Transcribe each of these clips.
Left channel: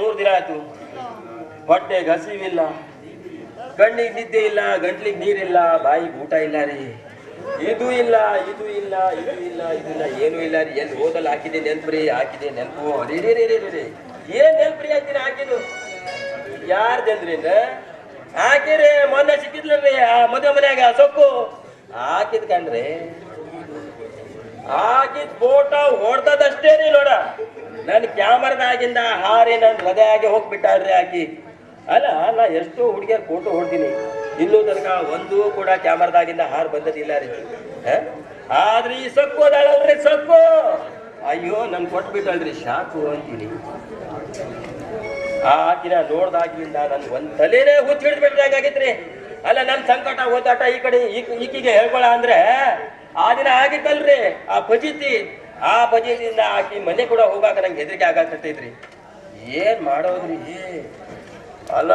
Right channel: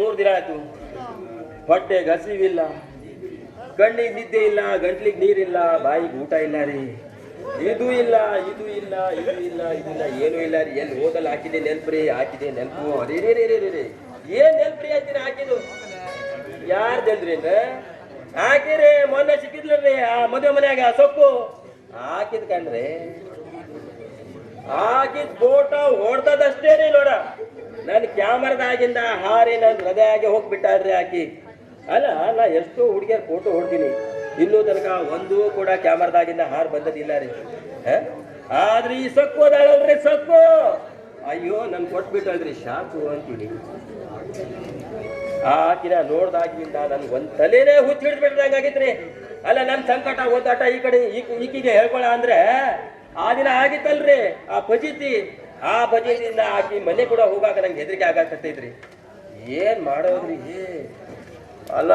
3 ದಿನ ಆಯ್ತು. ಹೊಟ್ಟೆಗೆ ಹಸಿವಿಲ್ಲ, ಕಣ್ಣಿಗೆ ನಿದ್ದೆ ಇಲ್ಲ, ಗಂಟ್ಲಿಗೆ ನೀರಿಲ್ಲ, ಬಾಯಿಗೆ ಊಟ ಇಲ್ಲ ರೀ. ಇದು ಇಲ್ಲ, ಇದು ಇಲ್ಲ, ಇದು ಇಲ್ಲ, ಇದು ಇಲ್ಲ, ಏನೂ ಇಲ್ಲ ರೀ. ಎಲ್ಲಿ ಹೋದಲ್ಲಿ ಹಾಕಿದೆ ನೆನ್ಪ್ರಿ, ಹಾಕಿದೆ ನೆನಪು. ರೀ ಏನ್ ನೆನ್ಪ್ರಿ ಹಾಕಿನ ಹಾಕಿದ್ದು? ಯಾರ್ದಲ್ರಿ ಹಾಕಿರಿ? ಮೊನ್ನೆ ಸಿಕ್ಕಿದ್ಲ್ರಿ ಆ ಮದುವೆ ಮನ್ಯಾಗ ಸೊಪ್ಪು ಹಾಕಿದ್ ಕಂಡ್ರಿ. ಹಾಕಿದ್ ಫೋಟೋ ಹೊಡ್ದದಷ್ಟೇ ರೀ ನೋಡ. ನನ್ ಕ್ಯಾಮರಾದಾಗಿಂದ ಹಾರಿ ನನ್ ಹೃದಯಾಗಿ ಹೋಗ್ಬಿಟ್ಟಾಳ್ರಿ ಆಕಿ. ಅಲ್ಲ, ನಾ ಎಷ್ಟೋ ಹುಡುಗಿಯರ್ ಫೋಟೋ ಹೊಡ್ತೀನಿ, ಇನ್ನೂ ತನಕ ಒಂದು ಕೂಡ ಕ್ಯಾಮರಾದಾಗಿಂದ ಹಾರ್ ಬಂದದಿಲ್ಲ ರೀ. ಆದ್ರೆ ಈ ಸೊಕ್ಕು ಅದಾಳಲ್ರಿ ಸೊಕ್ಕು, ಅಯ್ಯೋ ನನ್ ಕೊಟ್ಬಿಟ್ಟಲ್ರಿ, ಶಾಕು ಅಂತೀನಿ. ಆಕಿನ ನೋಡ್ದಾಗಿಂದ ನನ್ ಒಂದ್ ತಲೆನೇ ಹುಚ್ಚ ಹಿಡಿದ್ಬಿಟ್ಟಾಗೈತ್ರಿ. ಅಲ್ಲ, ನನ್ ಸಂಕಟ ಓದಾಟ ಈ ಕಡೆ ಈಕಿಗೆ ಹೇಳ್ಕೊಳ ಅಂದ್ರೆ ಆ ದಿನ ಆಗಿತ್ತಲ್ರಿ ಆ ಫಜೀತಿ. ಆ ಫಜೀತಿಯಿಂದ ಆಕಿ ಮನೆ ಕೂಡ ಹೋಗಾಕ ನಂಗೆ ಹೆದರಿಕೆ ಆಗಾಕತ್ತೈತ್ರಿ. ಏನ್ ಮಾಡೋದ್ರಿ? ಅಲ್ಲ,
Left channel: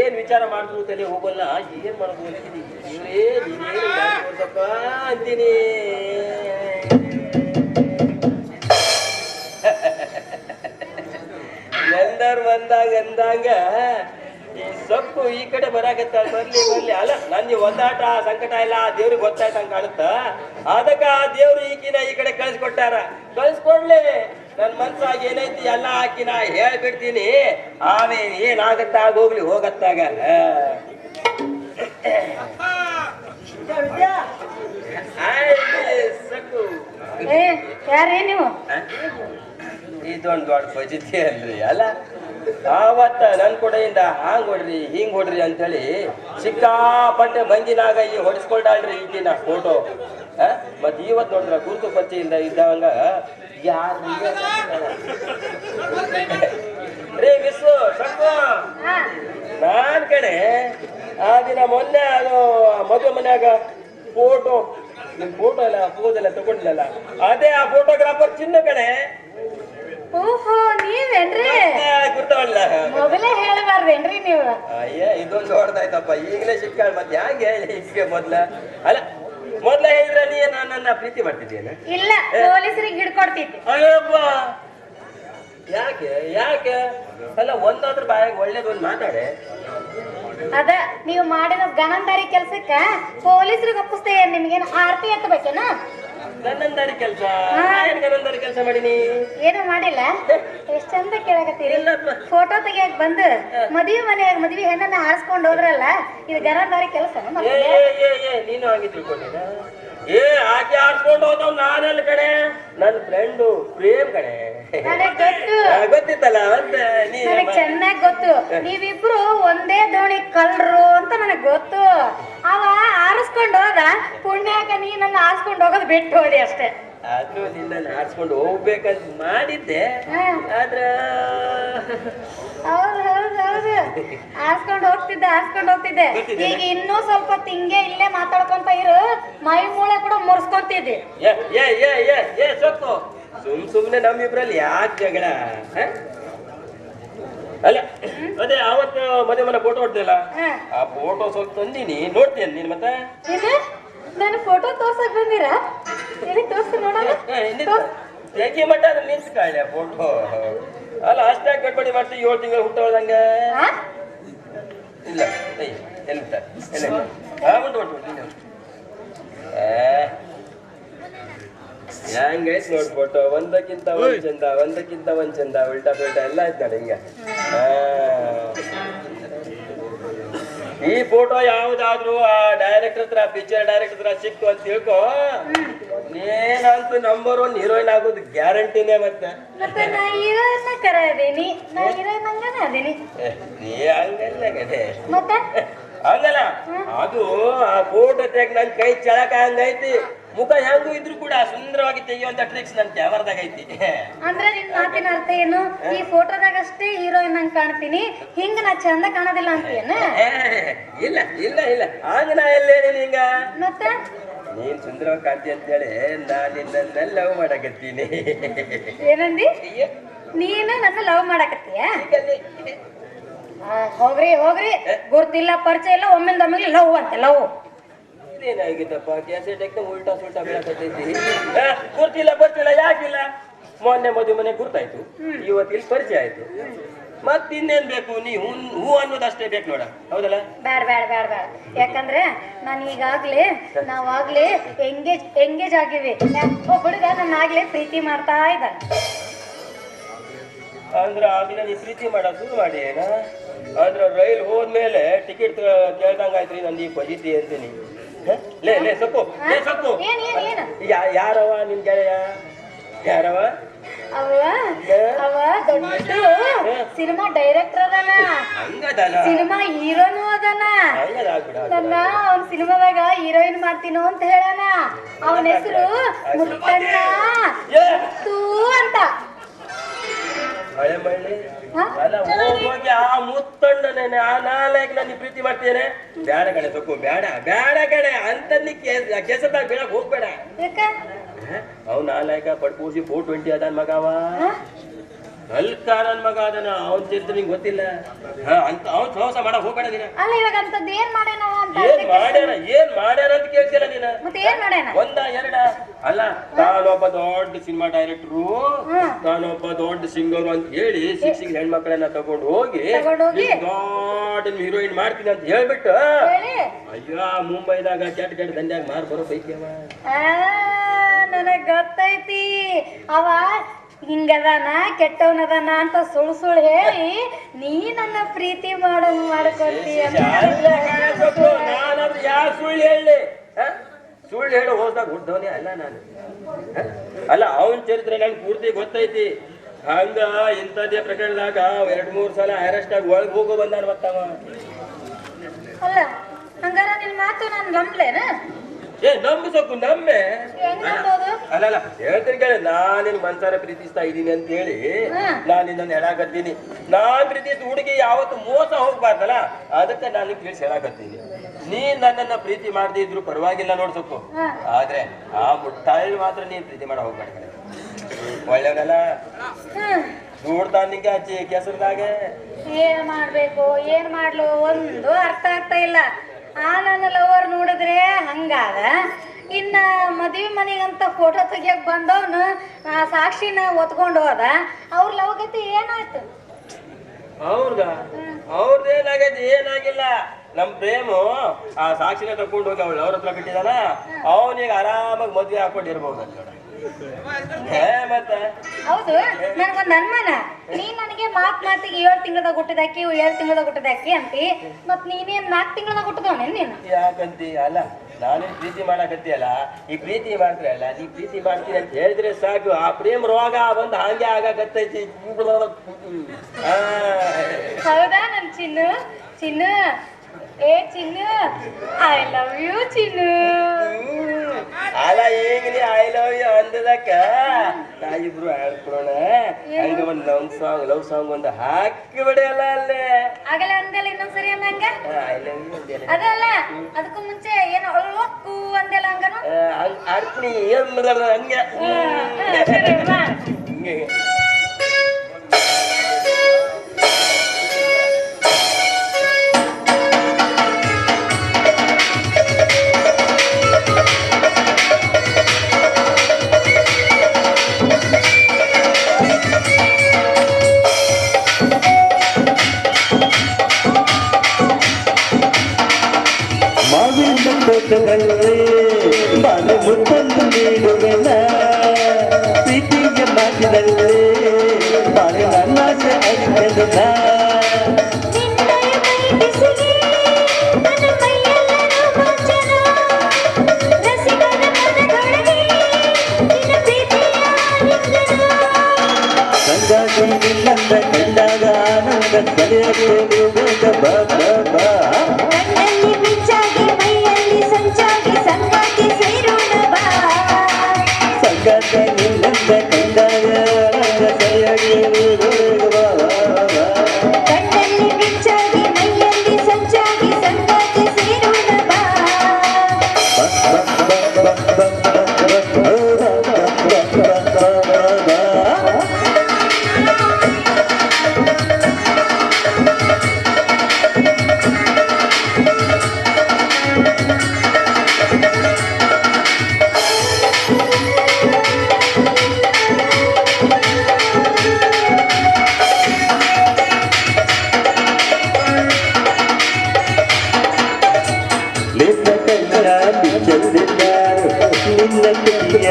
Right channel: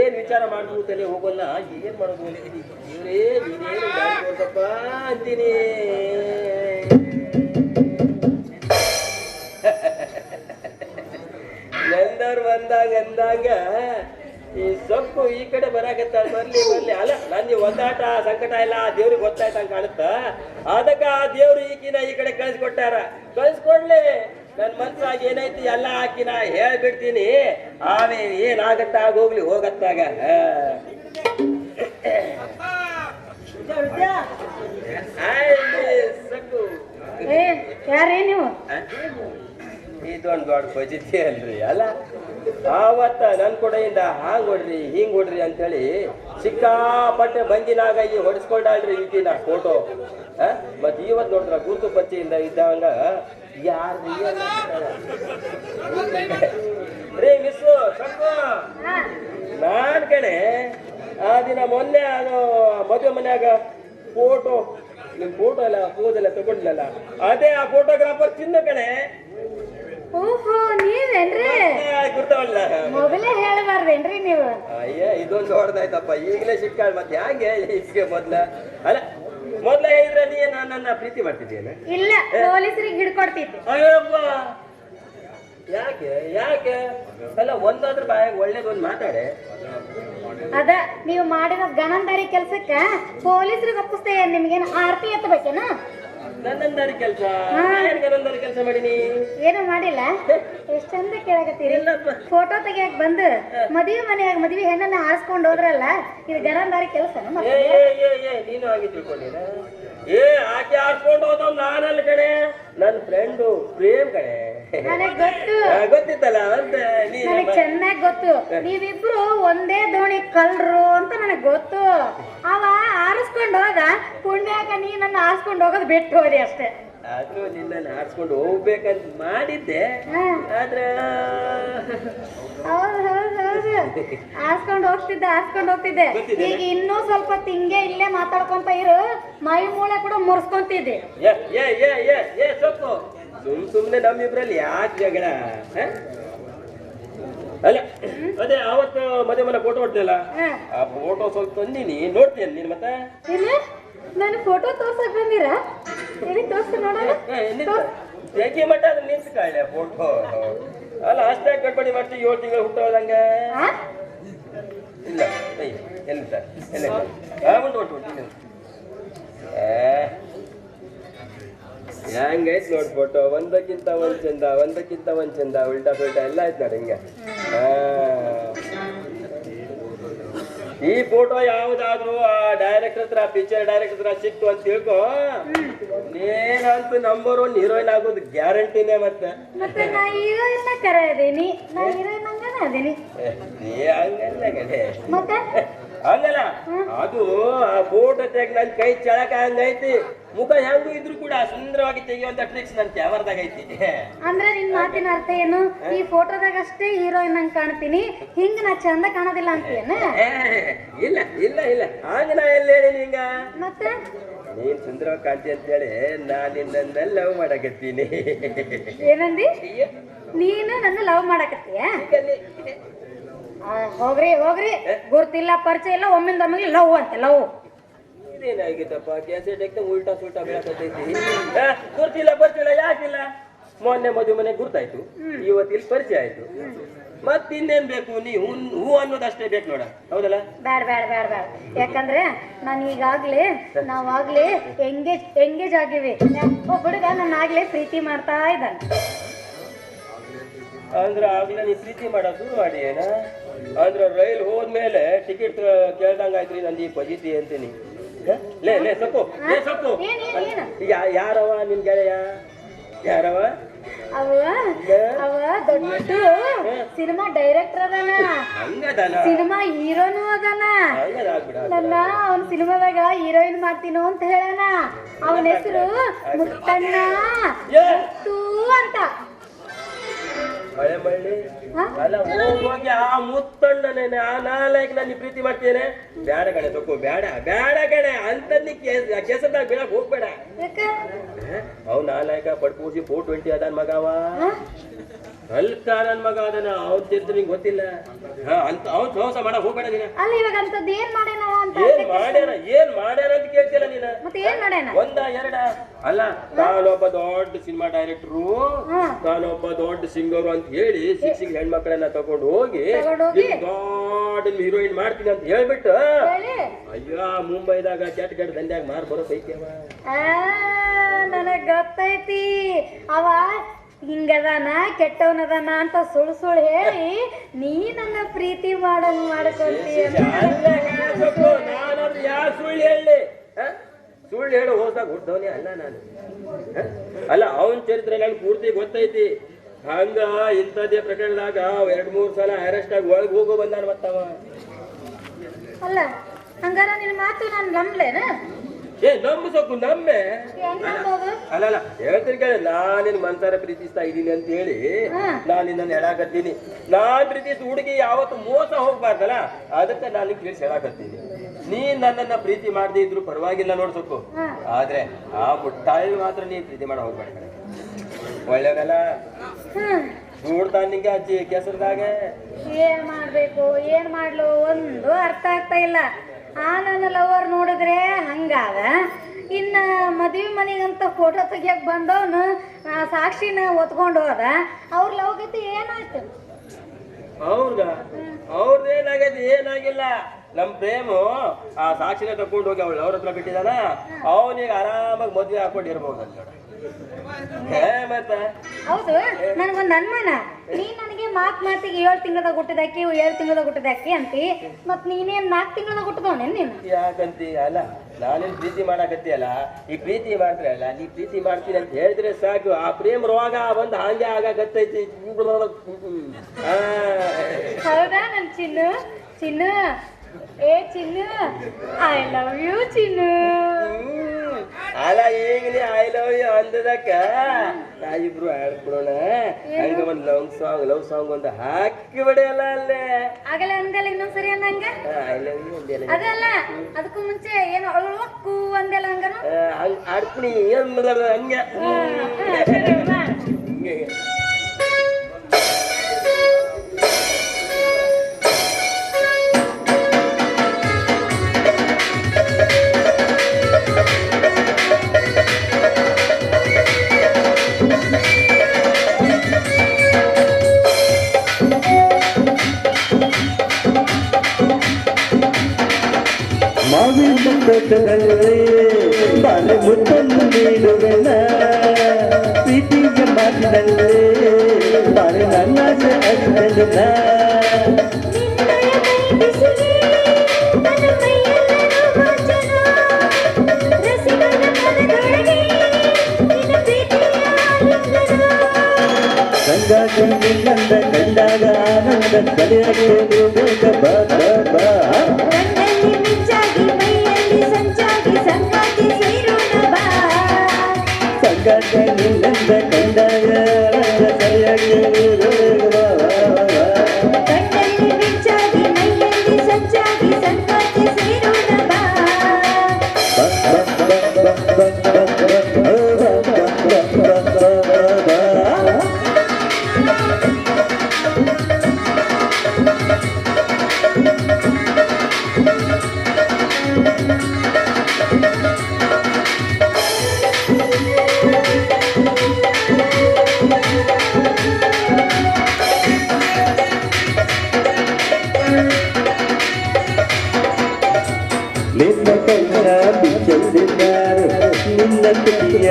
ಏನ್ ವಿಚಾರ ಮಾಡಿದ್ರು ತಲೆ ಹೋಗಲ್ಲ, ಏನ್ ಮಾಡೋದು ಅಂತೀನಿ. ಇವರೇ ನೀನೇನು ತೋರ್ಸಪ್ಪ ಅಂತೀನಿ. ನಂದರ್ ಅಂದಾಗ ಈ ಸೊಪ್ಪು ಈ ಕಡೆ ಬರಾಕತ್ತಾಳ. ಬರ್ಲಿ ಅಲ್ಲ, ನಂದು ಒದ್ದಾಟ ಸಂಕಟ ಎಲ್ಲ ಆ ದೇವ್ರಿಗೆ ಗೊತ್ತಾಯ್ತಂಗ ಕಾಣುತ್ತ. ಅದಕ್ಕ ಆ ದೇವ್ರು ಈಕಿನ ಈ ಕಡೆ ಕಳ್ಸಿಕೊಟ್ಟಾರ. ಕಳ್ಸ್ಕೊಡ್ಲಿ, ನನ್ ಮನ್ಸಾಗ ಏನೈತಿ ಎಲ್ಲ ಹಾಕಿನ ಹೇಳ್ಬಿಡ್ತೀನಿ. ಆಮೇಲೆ ಏನಾಗತ್ತಾಗ ಹೋಗ್ಲಿ, ಹೋಗತ್ತಾಗ. ಯಾರೇ ನೀವು? ಇದೊಂದು ದೊಡ್ಡ ಫಜಿತಿ ಅಲ್ರಿ. ಅಲ್ಲ, ಆವತ್ತ ನನ್ ಕೊಡೆಯಿಂದ ಹಾಂಗ್ ಹೊಡ್ರಿ ಹಿಂಗ್ ಹೊಡ್ರಿ ಅಂತೇಳಿ ಸಿಕ್ಕಾಪಟ್ಟೆ ಬಂದಿನಾಗ ಈ ಹೊಡಿಸ್ಕೊಂಡಾಳ್ರಿ ಈಗಿನ ಫೋಟೋ. ಮತ್ ಇವತ್ ನೋಡ್ರ ಗುರುತು ಪರಿಚಯಿಂದ ಇದ್ದವಂಗ ಯಾರ್ರೀ ರೇ ಮಿಸ್ಸು ಸಕ್ಕು ನಾನ್ ಕಣೆ. ಆ ದಿನ ಮೊನ್ನೆ ಅದು ಮದುವೆ ಮನ್ಯಾಗ ಫೋಟೋ, ನಿಮ್ ಫೋಟೋ ಎಲ್ಲ ಪೋಸ್ ಎಲ್ಲ ತಗೊಂಡಿಲ್ಲಲ್ಲ, ಅದೇ ಆ ಫೋಟೋಗ್ರಾಫರ್ ಚಿನ್ನ ಕಣೆ. ಓಹೋ, ನೀವೇನ್ರಿ? ಗೊತ್ತವಲ್ಲ, ಮೊದಲೇ ಹೇಳಬಾರ್ದೇನ್ರಿ ನೀವು? ಅಯ್ಯ, ಇದೊಂದು ಹೊಡ್ದಾಯ್ತಪ್ಪ. ಈಗಲೇ ಸಿಕ್ಕಾಳ, ಮತ್ತೆ ಹ್ಯಾಂಗ ಹೇಳಿ ಈಗ ಮೊದ್ಲ ಹೇಳಿದ್ರೆ ನೀ ನನ್ನ ಪ್ರೀತಿ ಮಾಡ್ತಿದ್ದೀನ? ಇಲ್ಲ, ಪೊಲೀಸರಿಗೆ ಹಿಡ್ಕೊಡ್ತಿದ್ದೆ. ಅಯ್ಯಪ್ಪ, ಯಾಕೆ ಅಲ್ಲ, ಒಂದಾದ್ರ ಬಾಯಾಗ ಒಳ್ಳೇದೊಂದು ಮಾತಾಡೆ. ಅದ ನೀವು ಮಾಡಿದ ಗನಂದಾರಿ ಕೆಲ್ಸಕ್ಕ ಪೊಲೀಸರಿಗೆ ಒಪ್ಪಿಸ್ತೇ. ನಿಮ್ಗೇನು ಆರ್ತಿ ಎತ್ತಬೇಕೇನ? ಗನಂದಾರಿ ಕೆಲಸ? ಏನ್ ಗನಂದಾರಿ ಕೆಲಸ ಮಾಡೀನಿ? ಏನು ಮಾಡಿಲ್ಲ. ಎಷ್ಟ್ ಚಂದ ಕೇಳಕತ್ತೀರಿ. ಫೋಟೋ ತೆಗಿಯಾಕ ಬಂದು ಮದ್ವಿ ಮನೆಯಾಗ ಮದ್ವಿ ಹೆಣ್ಣನ್ನ ಹಾರಿಸ್ಕೊಂಡು ಹೋದ್ರಲ್ಲ, ಇದು ಗನಂದಾರಿ ಕೆಲಸ? ನೀನು ಹಾಗೆ ತಿಳ್ಕೊಂಡಿನ? ಆಕೆ ಹಾರಿಸ್ಕೊಂಡು ಹೋದವ್ ನಾನಲ್ಲ ಕಣೆ, ನನ್ ಫ್ರೆಂಡು ಪ್ರೇಮ್ ಕಣೆ. ಗೊತ್ತಿತ್ತಲ್ಲ, ನನಗ್ ಚೆನ್ನಾಗ್ ಗೊತ್ತು. ನೀವಿಬ್ರು ಒಂದೇ ದೋಣಿ ಕಳ್ರು ಅಂತ ನನಗ್ ಗೊತ್ತು. ಅವ ಆರಿಸ್ಕೊಂಡು ಹೋದ, ಪುಣ್ಯಾಕ ನೀ ನನ್ನ ಆರಿಸ್ಕೊಂಡು ಹೋಗೋದು ಬಿಟ್ಟು ಹೋದೆ ಅಷ್ಟೇ. ಆದ್ರೂ ನಿನ್ನ ಆರಿಸ್ಕೊಂಡು ಹೋಗ್ಬೇಕಂತ ಮಾಡಿದ್ದೆ. ಆದ್ರ ಹೌದು ಆರಿಸ್ಕೊಂಡು ಹೋಗ್ತಿದ್ದೆ. ಈಗ ಇನ್ನೂ ಸ್ವಲ್ಪ ತಿಂಗೆ ಇಲ್ಲೇ ಮಾತಾಡ್ಕೊಂತ ಇರು, ಮೈ ಮೂಳೆ ಕೂಡ ಮುರ್ಸ್ಕೊಂತಿದ್ದೆ. ಸೊಕ್ಕು, ಸುಮ್ನೆ ನಮ್ಮಿಬ್ರಲ್ಲಿ ಯಾಕೆ ಜಗಳ? ಅಲ್ಲ, ಅದೇ ಆವತ್ತು ಮದುವೆ ಮನೆ ಫೋಟೋ ಹೊಡ್ದಿಲ್ಲ, ಆ ಫೋಟೋ ಸ್ವಲ್ಪ ತಂದೀನಿ, ನೋಡ್ತೀನಿ ನೀನ್ ಮತ್ತೆ. ನಾನು ಫೋಟೋ ತೋರ್ಸಕ್ ಬಂದಿರ? ತೋರ್ಸಿ ನೋಡೋಣ. ಯಾಕೆ ಮಟ್ಟ ಅದ್ರ ನಿಲ್ಸ್ಕಾಳೆ ಫೋಟೋ? ಅಲ್ಲ, ಅಷ್ಟಾಗಿ ಗಡ್ಬಡಿ ಮಾಡ್ತೀವಿ. 7 ತಿಂಗಳು ಹುಟ್ಟೋದಂಗ ಇಲ್ಲ. ಉಂಟು ಹೆಂಗೈತ್ ನೋಡ್ ಫೋಟೋ. ಒಂದಕ್ಕಿಂತ ಒಂದ್ ಚಂದ, ಉಲ್ಟಾ ಪುಲ್ಟಾ ಎಲ್ಲ ಆಯ್ತು ನೋಡಿ ಹಿಂಗ. ಈ ಫೋಟೋ ಯಾವ್ದಾದ್ರು ಆ ಡೈರೆಕ್ಟರ್ ಹತ್ರ, ಪಿಕ್ಚರ್ ಡೈರೆಕ್ಟರ್ ಹತ್ರ ಸಿಕ್ತು ಅಂತ ತಿಳ್ಕೊ, ನೀನಂತೂ ನಂಬರ್ 1 ಹೀರೋಯಿನ್ ಆಗೋದು ಗ್ಯಾರಂಟಿನೇ. ಮತ್ತೆ ನಾ ಹೀರೋಯಿನ್ ಕರೆಯದೇನಿ, ನಾ ಹೀರೋಯಿನ್ ಹಂಗೇನಿ. ನೀ ಹಂಗಲ್ಲ ಕಡೆ, ಮತ್ತೆ ಹಂಗಲ್ಲ. ಅದು ಆ ಫೋಟೋ ತೆಗ್ ನನ್ ಕೈ ಚಳಕ ಹಂಗೈತಿ. ಮುಖ ಹೆಂಗೂ ಇದ್ರು ಕೂಡ ಸುಂದರವಾಗಿ ತೆಗಿಯುವಂತ ಟ್ರಿಕ್ಸ್ ನನ್ ಕ್ಯಾಮರಾದಾಗ ಐತಿ. ಅಂದ್ರೆ ನಿನ್ ಮಾತಿನ ಅರ್ಥ ಏನು? ಈ ಫೋಟೋದಾಗ ಅಷ್ಟೇ ಹೀರೋಯಿನ್ ಹಂಗ್ ಕಾಣ್ತೀನಿ, ಹಿಂಗ ನಾ ಚಂದ ಕಾಣೋದಿಲ್ಲ ಅಂತೀಯನ? ಇಲ್ಲ ಹಂಗ ನಾ ಎಲ್ಲ ಹೇಳಿ ಹಿಂಗ. ಮತ್ತೆ ನೀನ್ ಸುಂದರವಾಗಿ ಕಾಣ್ತಿ ಅಂತೇಳಿ ನಾನು ನಿನ್ನ ಲವ್ ಮಾಡಕತ್ತೀನಿ. ಏನಂದಿ? ನೀನು ನನ್ನ ಲವ್ ಮಾಡಕತ್ತೀಯ? ಹೋಗ್ರಿ ಗುರ್ತಿಲ್ಲ, ಪರಿಚಯ ಇಲ್ಲ, ಒಮ್ಮಿಂದೊಮ್ಮಿಗೆ ಲವ್ ಅಂತ ಲವ್. ಏನಾಗಿತ್ತಪ್ಪ? ಕ್ಯಾಸೆಟ್ ಉಲ್ಟಾ ಸುಲ್ಟಾ ಬೆಳಕತ್ತೈತಿ. ಗುರ್ತಿಲ್ಲ ಬರ್ತಿಲ್ಲ, ಯಾಕಿಲ್ಲ? ಮೊನ್ನೆ ಮದುವೆ ಮನೆ ಗುರ್ತಾಯ್ತು, ಇವತ್ತು ಇಲ್ಲಿ ಪರಿಚಯ ಆಯ್ತು. ಮತ್ತಿನ್ನೇನ್ ಬೇಕು? ನೀ ಹೂ ಅನ್ನೋದಷ್ಟೇ ಬೇಕು ನೋಡ, ಹೌದಲ್ಲ? ಬ್ಯಾಡ ಬ್ಯಾಡ ಬ್ಯಾಡ ಬ್ಯಾಡ. ಯಾಕಂದ್ರೆ ನಾನು ಈಗಾಗ್ಲೇ ನಾವಾಗ್ಲೇ ಎಂಗೇಜ್ ಆಗಿವಿ. ಒಬ್ಬ ಹುಡುಗ ನನ್ನ ಆಗ್ಲೇ ಪ್ರೀತಿ ಮಾಡ್ತಾ ಇದ್ದಾನೆ. ಅಂದ್ರೆ ಆಗ್ಲೇ ನೀ ಪ್ರೀತಿ ಮಾಡೋದು ಶುರು ಮಾಡಿ ಏನ? ಅಂದ್ರೆ ರೈಲ್ ಹೋದ್ಮೇಲೆ ಟಿಕೆಟ್ ಕೇಳ್ದಂಗಾಯ್ತ್ರಿ ನಂದು ಈ ಪಜಿತಿ ಅಂತೀನಿ. ಲೇ ಲೇ ಸೊಪ್ಪು, ಲೇ ಸೊಪ್ಪು. ಯಾರವ ನಿನ್ ಗೆಳೆಯ? ಯಾರವ? ಅವ ದೊಡ್ಡ ಸಿನಿಮಾ ಡೈರೆಕ್ಟರ್ ಅದಾನ, ಸಿನಿಮಾ ಹೀರೋನು ಅದಾನ. ನನ್ನ ಅವನ್ ಸಿನಿಮಾದಾಗ ಹೀರೋಯಿನ್ ಮಾಡ್ತೀನೋ ಅಂತ ಹೇಳಾನ. ಅವನ ಹೆಸರು ಮುತ್ತಣ್ಣ ಅಂತ. ಮಳೆ ಮಳ್ಳಿ ಅಲ್ಲ, ಹೋಗಿ ಆ ಮುತ್ತಣ್ಣನೇ ಆ ನಾಲ್ಕು ನಾನು ಪ್ರೀತಿ ಮಾಡ್ತೇನೆ. ಬೇಡ ಕಣೆ ಸೊಕ್ಕು, ಬೇಡ ಬೇಡ ಕಣೆ ಅಂತ ಕೆಸದಾಗ ಬೀಳಕ್ ಹೋಗ್ಬೇಡ. ಅವ್ ನಾಲ್ಕ ಪಡ್ಪೂಸಿ 420 ಅದಾನ ಮಗ. ಅವ ಅಲ್ಕ ನನ್ ಮಗ ಅದನ್ನ ಅವನ್ ತಿರ್ದು ನಿಂಗೆ ಗೊತ್ತಿಲ್ಲ ಅಂತ. ಅವ್ನ್ ಸಹವಾಸ ಮಾಡಕ್ ಹೋಗ್ಬೇಡ ನೀನ. ಅಲ್ಲ ಇವಾಗ ಅಂತದ್ ಏನ್ ಮಾಡ್ಯಾನ ಅಂತ ಕೇಳ್ತಿಲ್ಲ ನೀನ. ಮತ್ತೆ ಏನ್ ಮಾಡ್ಯಾನ? ಒಂದ ಎರಡ ಅಲ್ಲ, ತಾನೊಬ್ಬ ದೊಡ್ಡ ಸಿನಿಮಾ ಡೈರೆಕ್ಟ್ರು, ತಾನೊಬ್ಬ ದೊಡ್ಡ ಸಿಂಗರು ಅಂತ ಹೇಳಿ ಸಿಕ್ಸಿಗೆ ಹೆಣ್ಮಕ್ಳನ್ನ ತಗೊಂಡು ಹೋಗಿ ದೊಡ್ಡ ಹೀರೋಯಿನ್ ಮಾಡ್ತೀನಿ ಅಂತ ಹೇಳ್ಬಿಟ್ಟು ಅಯ್ಯೋ ಮುಂಬೈದಾಗ ಕೆಟ್ಟ ಕೆಟ್ಟ ದಂಡ್ಯಾಗ ಮಾರ್ ಬರೋ ಪೈಕಿ ಅವ. ನನಗ್ ಗೊತ್ತೈತಿ ಅವ ಹಿಂಗದಾನ ಕೆಟ್ಟವನದಾನ ಅಂತ ಸುಳ್ಳು ಹೇಳಿ ನೀ ನನ್ನ ಪ್ರೀತಿ ಮಾಡೋಂಗ್ ಮಾಡ್ಕೊಳ್ತೀಯ. ನಾನಾದ್ರೂ ಯಾರು ಸುಳ್ಳು ಹೇಳಿ? ಸುಳ್ಳು ಹೇಳಿ ಹೋದಾಗ ಹುಡ್ದವನೇ ಅಲ್ಲ ನಾನು. ಅಲ್ಲ, ಅವನ್ ಚರಿತ್ರೆ ನನ್ಗೆ ಪೂರ್ತಿ ಗೊತ್ತೈತಿ. ಹಂಗ ಇಂಥದ್ದೇ ಪ್ರಕರಣದಾಗ 2-3 ಸಲ ಅರೆಸ್ಟ್ ಆಗಿ ಒಳಗೆ ಹೋಗೋ ಬಂದಾನ ಮತ್ತವ. ಅಲ್ಲ ಹಂಗಾರ ನಿನ್ ಮಾತು ನಾನು ನಂಬ್ಲೇನ? ನಂಬು ಸೊಕ್ಕು, ನಂಬೆ. ಅಲ್ಲ ಹೇಳ್ತೀನಿ ಕೇಳಿ, ನಾನಿನ್ ಮನ್ಸಾರ ಪ್ರೀತಿಸ್ತಾ ಇದ್ದೀನಿ ಅಂತ ಹೇಳಿ ನಾನು ನಿನ್ನ ಹೇಳಾಕತ್ತೀನಿ. ನಾನ್ ಪ್ರೀತಿಸ್ ಹುಡುಗಿ ಯಾವತ್ತು ಮೋಸ ಹೋಗ್ಬಾರ್ದಲ್ಲ, ಅದಕ್ಕೆ ನಾನು ತಿಳಿಸಿ ಹೇಳಾಕತ್ತೀನಿ. ನೀ ನನ್ನನ್ನ ಪ್ರೀತಿ ಮಾಡದೇ ಇದ್ರು ಪರವಾಗಿಲ್ಲ ನೋಡ್ಸಕ್ಕು, ಆದ್ರೆ ಆ ಮುಟ್ಟಾಯಿ ಮಾತ್ರ ನೀನ್ ಪ್ರೀತಿ ಮಾಡ ಹೋಗ್ಬೇಡ. ಒಳ್ಳೆಯವನಲ್ಲ, ದೂಡ್ತಾನ ನಿಂಗೆ ಹಚ್ಚಿ ಕೆಸರದಾಗ. ಏನ್ ಮಾಡ್ಬೇಕು ಏನ್ ಮಾಡ್ಲು ಒಂದು ಅರ್ಥ ಆಗ್ತಾ ಇಲ್ಲ. ನನ್ನ ಲವರ್ ನೋಡಿದ್ರೆ ಹಂಗಾದ, ಇನ್ನ ಮದುವೆ ಮನೆಗಂತ ಫೋಟೋ ತೆಗಿಯಕ್ ಬಂದವನು ಸಾಕ್ಷಿನ ಒತ್ಕೊಂಡು ಹೋದ. ಅವ್ರ ಲವಗತಿ ಏನಾಯ್ತು? ಅವ್ರದ್ದೇನಾಗೈತಿ? ಏನಾಗಿಲ್ಲ. ನಮ್ ಪ್ರೇಮು ಆ ಸಾಕ್ಷಿನ ತಕೊಂಡು ಹೋಗಿ ಅವಳು ಅವ್ರ ಹತ್ರ ಬಿಟ್ಟಿದಾನ. ಅವನಿಗೆ ಆರಾಮಾಗಿ ಮದ್ವೆ ಹಾಕೊಂಡಿರ್ಬೋದು. ಹೌದು, ನನ್ಗೊಂದ್ ಅನ್ಮಾನ. ನೀ ನನಗೆ ಮಾತಿಗೆ 7 ತಿಂಗಳದಾಗ ಹುಟ್ಟಿದಾಕಿ 7 ತಿಂಗಳದಾಗ ಹುಟ್ಟಿದಾಕಿ ಅಂತಿ, ಮತ್ ನೀನೇನ್ 4 ತಿಂಗಳದಾಗ ಹುಟ್ಟಿದವನೇ ನೀನು? ಯಾಕಂತಿ? ಅಲ್ಲ, ನಾನೇನ್ ಪ್ರೀತಿ ಮಾಡಾಕತ್ತೀಯಲ್ಲ, ಈ ಪ್ರೀತಿ ಮಾಡ್ತೀರ ಅಲ್ಲ, ನೀ ಪ್ರೀತಿ ಮಾಡ್ತೀನಿ ಅಂತ ಹೇಳಿದ್ರೆ ಸಾಕು, ಆ ಪ್ರೇಮ ರೋಗ ಬಂದು ಹಂಗೆ ಆಗಾಕತ್ತೈತಿ. ಹೌದಾ ನನ್ ಚಿನ್ನು? ಚಿನ್ನು ಏ ಚಿನ್ನು, ಐ ಲವ್ ಯು ಚಿನ್ನು. ಅಲ್ಲ, ಈಗ ನೀ ಐ ಲವ್ ಯು ಅಂದದಕ್ಕ ನಾವಿಬ್ರು ಆಡ್ಕೊಳೋಣ. ಹಂಗ ಒಂದು ಲವ್ ಸಾಂಗ್ ಒಂದು ಹಾಕಿ ಬಿಡಲ್ಲ ಅಲ್ಲೇ. ಆಗಲ್ಲ ಅಂದಲ್ಲ, ಇನ್ನೊಂದ್ಸರಿ ಅಂದಂಗ ಐ ಲವ್ ಯು ಅಂದೆಲ್ಲ. ಅದಲ್ಲ, ಅದಕ್ಕೂ ಮುಂಚೆ ಏನು ಅಳ್ವಕ್ಕು ಅಂದೆಲ್ಲ ಹಂಗನು ಆಡ್ತೀನಿ ಹಂಗೆ ಹಿಂಗೆ. ಬಾಳೆ ಮುತ್ತನ್ನು ನೀಡುವೆನ ಪ್ರೀತಿಗೆ ಮಾತಿನಲ್ಲೇ ಬಾಳೆ ನನ್ನಾಸೆ ಅಷ್ಟನ. ಸಂಗಾತಿ ನಿನ್ನಂದ ಕಂಡಾಗ ಆನಂದ ಕರೆಯಬೇಕು ಬಾ ಬಾ ಬಾ. ಸಂಗಾತ ನಿನ್ನಂದ ಕಂಡಾಗ ಸರಿಯಾಗಿ ಕಣ್ಣಲ್ಲಿ ಬಿಚ್ಚಾಗಿ ಮೈಯಲ್ಲಿ ಸಂಚಾಗಿ ಸಂಗಾತಿ ಸೇರೋಣ ಬಾ. ನಿನ್ನ ಕಣ್ಣ ಬಿಚ್ಚಲ್ಲಿದ್ದಾರೆ ನಿನ್ನ ತುಟಿಯ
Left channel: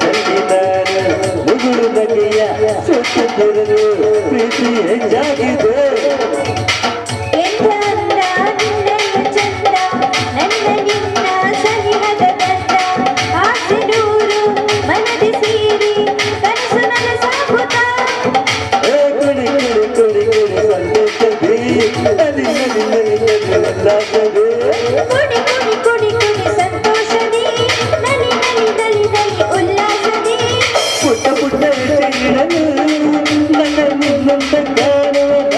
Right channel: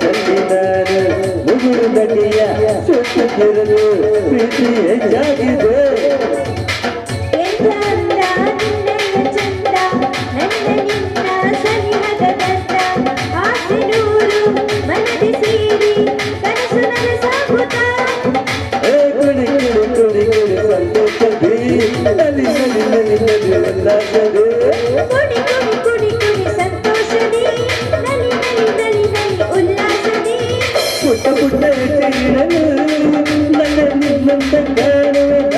ಚೆಲ್ಲಿದ್ದಾರೆ ಮುಗುಳು ಬಗೆಯ ಸೊತ್ತು ಪ್ರೀತಿ ಹೆಚ್ಚಾಗಿದೆ ಪುಟ್ಟ ಪುಟ್ಟ ಹೆಜ್ಜೆಗಳನ್ನು ನನ್ನ ನಿನ್ನಂತ ಕಾಣುವ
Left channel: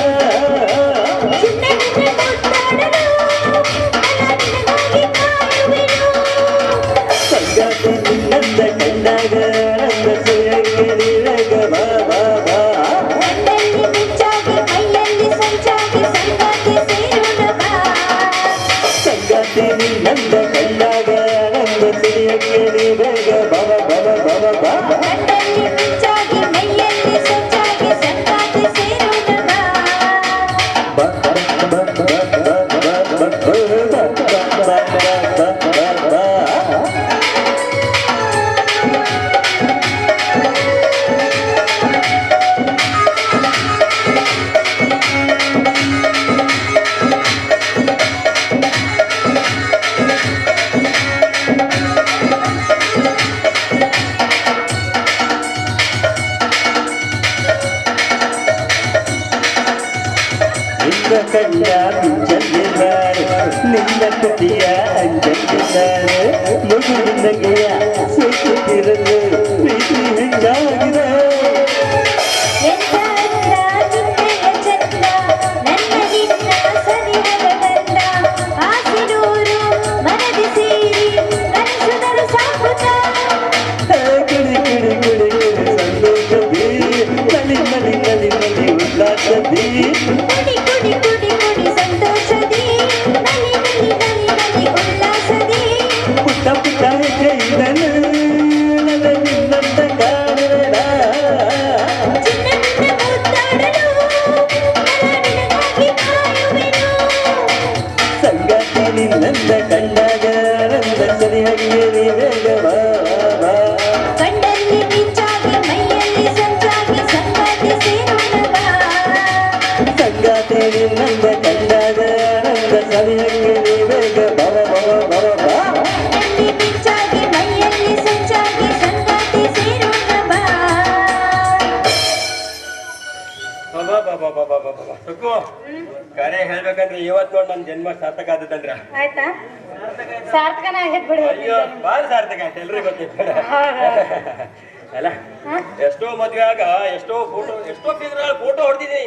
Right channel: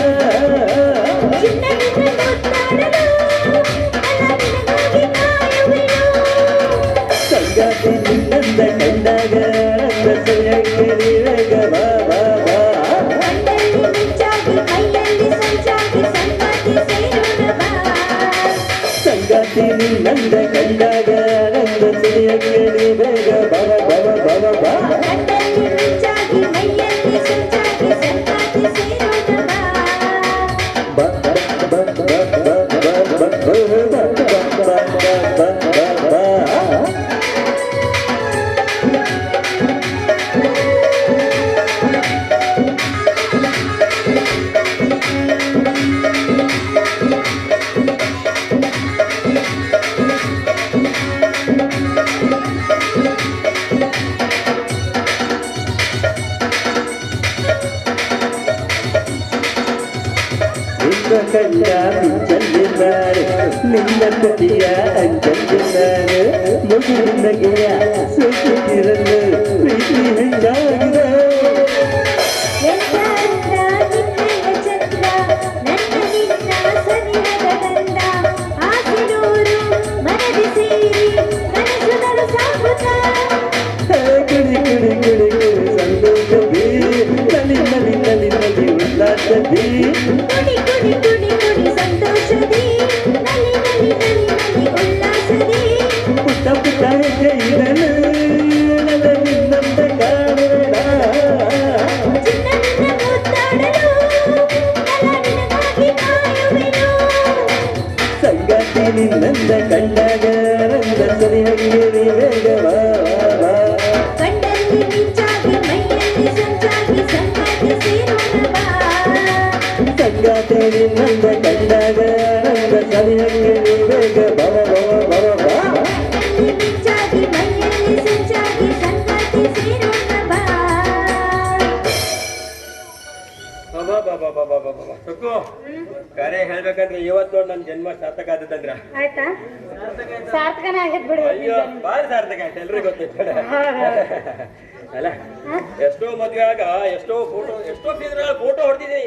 ಸಂಗಾತಿ ನಿನ್ನಂತ ಕಂಡಾಗ ಸರಿಯಾಗಿ ಬಾ ಬಾ ಬಾ ಸಂಗಾತಿ ನಿನ್ನಂತ ಕಂಡಾಗ ಸರಿಯಾಗಿ ಬೇಗ ಬವ ಬವ ಬವ ಬಾ ನಿನ್ನ ಕಣ್ಣ ಚೆಲ್ಲಿದ್ದಾರೆ ನಿನ್ನ ತುಟಿಯ ಚೆಲ್ಲಿದ್ದಾರೆ ಮಗುವಿನಗೆಯ ಸುತ್ತಿರಲು ಪ್ರೀತಿ ಹೆಚ್ಚಾಗಿದೆ ಕಿಡಿ ಕಿಡಿ ಕಿಡಿ ಕಿಡಿ ಸಂತೋಷದಿ ನಲಿ ನಲಿ ನಲಿ ನಲಿ ಉಲ್ಲಾಸದಿ ಪುಟ್ಟ ಪುಟ್ಟ ಹೆಜ್ಜೆಯಿದನು ನನ್ನ ನಿನ್ನಂತ ಕಾಣುವ ಸಂಗಾತಿ ನಿನ್ನಂತ ಕಂಡಾಗ ರಂಗ ಸರಿಯಾಗಿ ಬೇಗವಾ ಸಂಗಾತಿ ನಿನ್ನಂತ ಕಂಡಾಗ ರಂಗ ಸರಿಯಾಗಿ ಬೇಗ ಬವ ಬವ ಬವ ಬಾ ಸುಕ್ಕು ಕರೆ ಹೇಳ್ಬೇಕಂದ್ರೆ ಇವತ್ತು ನೋಡಿ ನನ್ನ ಜನ್ಮ ಸಾರ್ಥಕ ಆದತ್ತಂದ್ರ ಆಯ್ತಾ ಸಾರ್ಥಕನ ಆಗೈತ್ ಬಿಡು ಅಯ್ಯೋ ಬಾಳ ಸಾರ್ಥಕ ಆಯ್ತು ಎಲ್ರಿಗೂ ಗೊತ್ತಿತ್ತು ಅಲ್ಲ ಎಷ್ಟೋ ಮದ್ವೆ ಆಗ ಎಷ್ಟೋ ಫಿಗರ್ ಫೋಟೋ ಹೊಡ್ತೀನಿ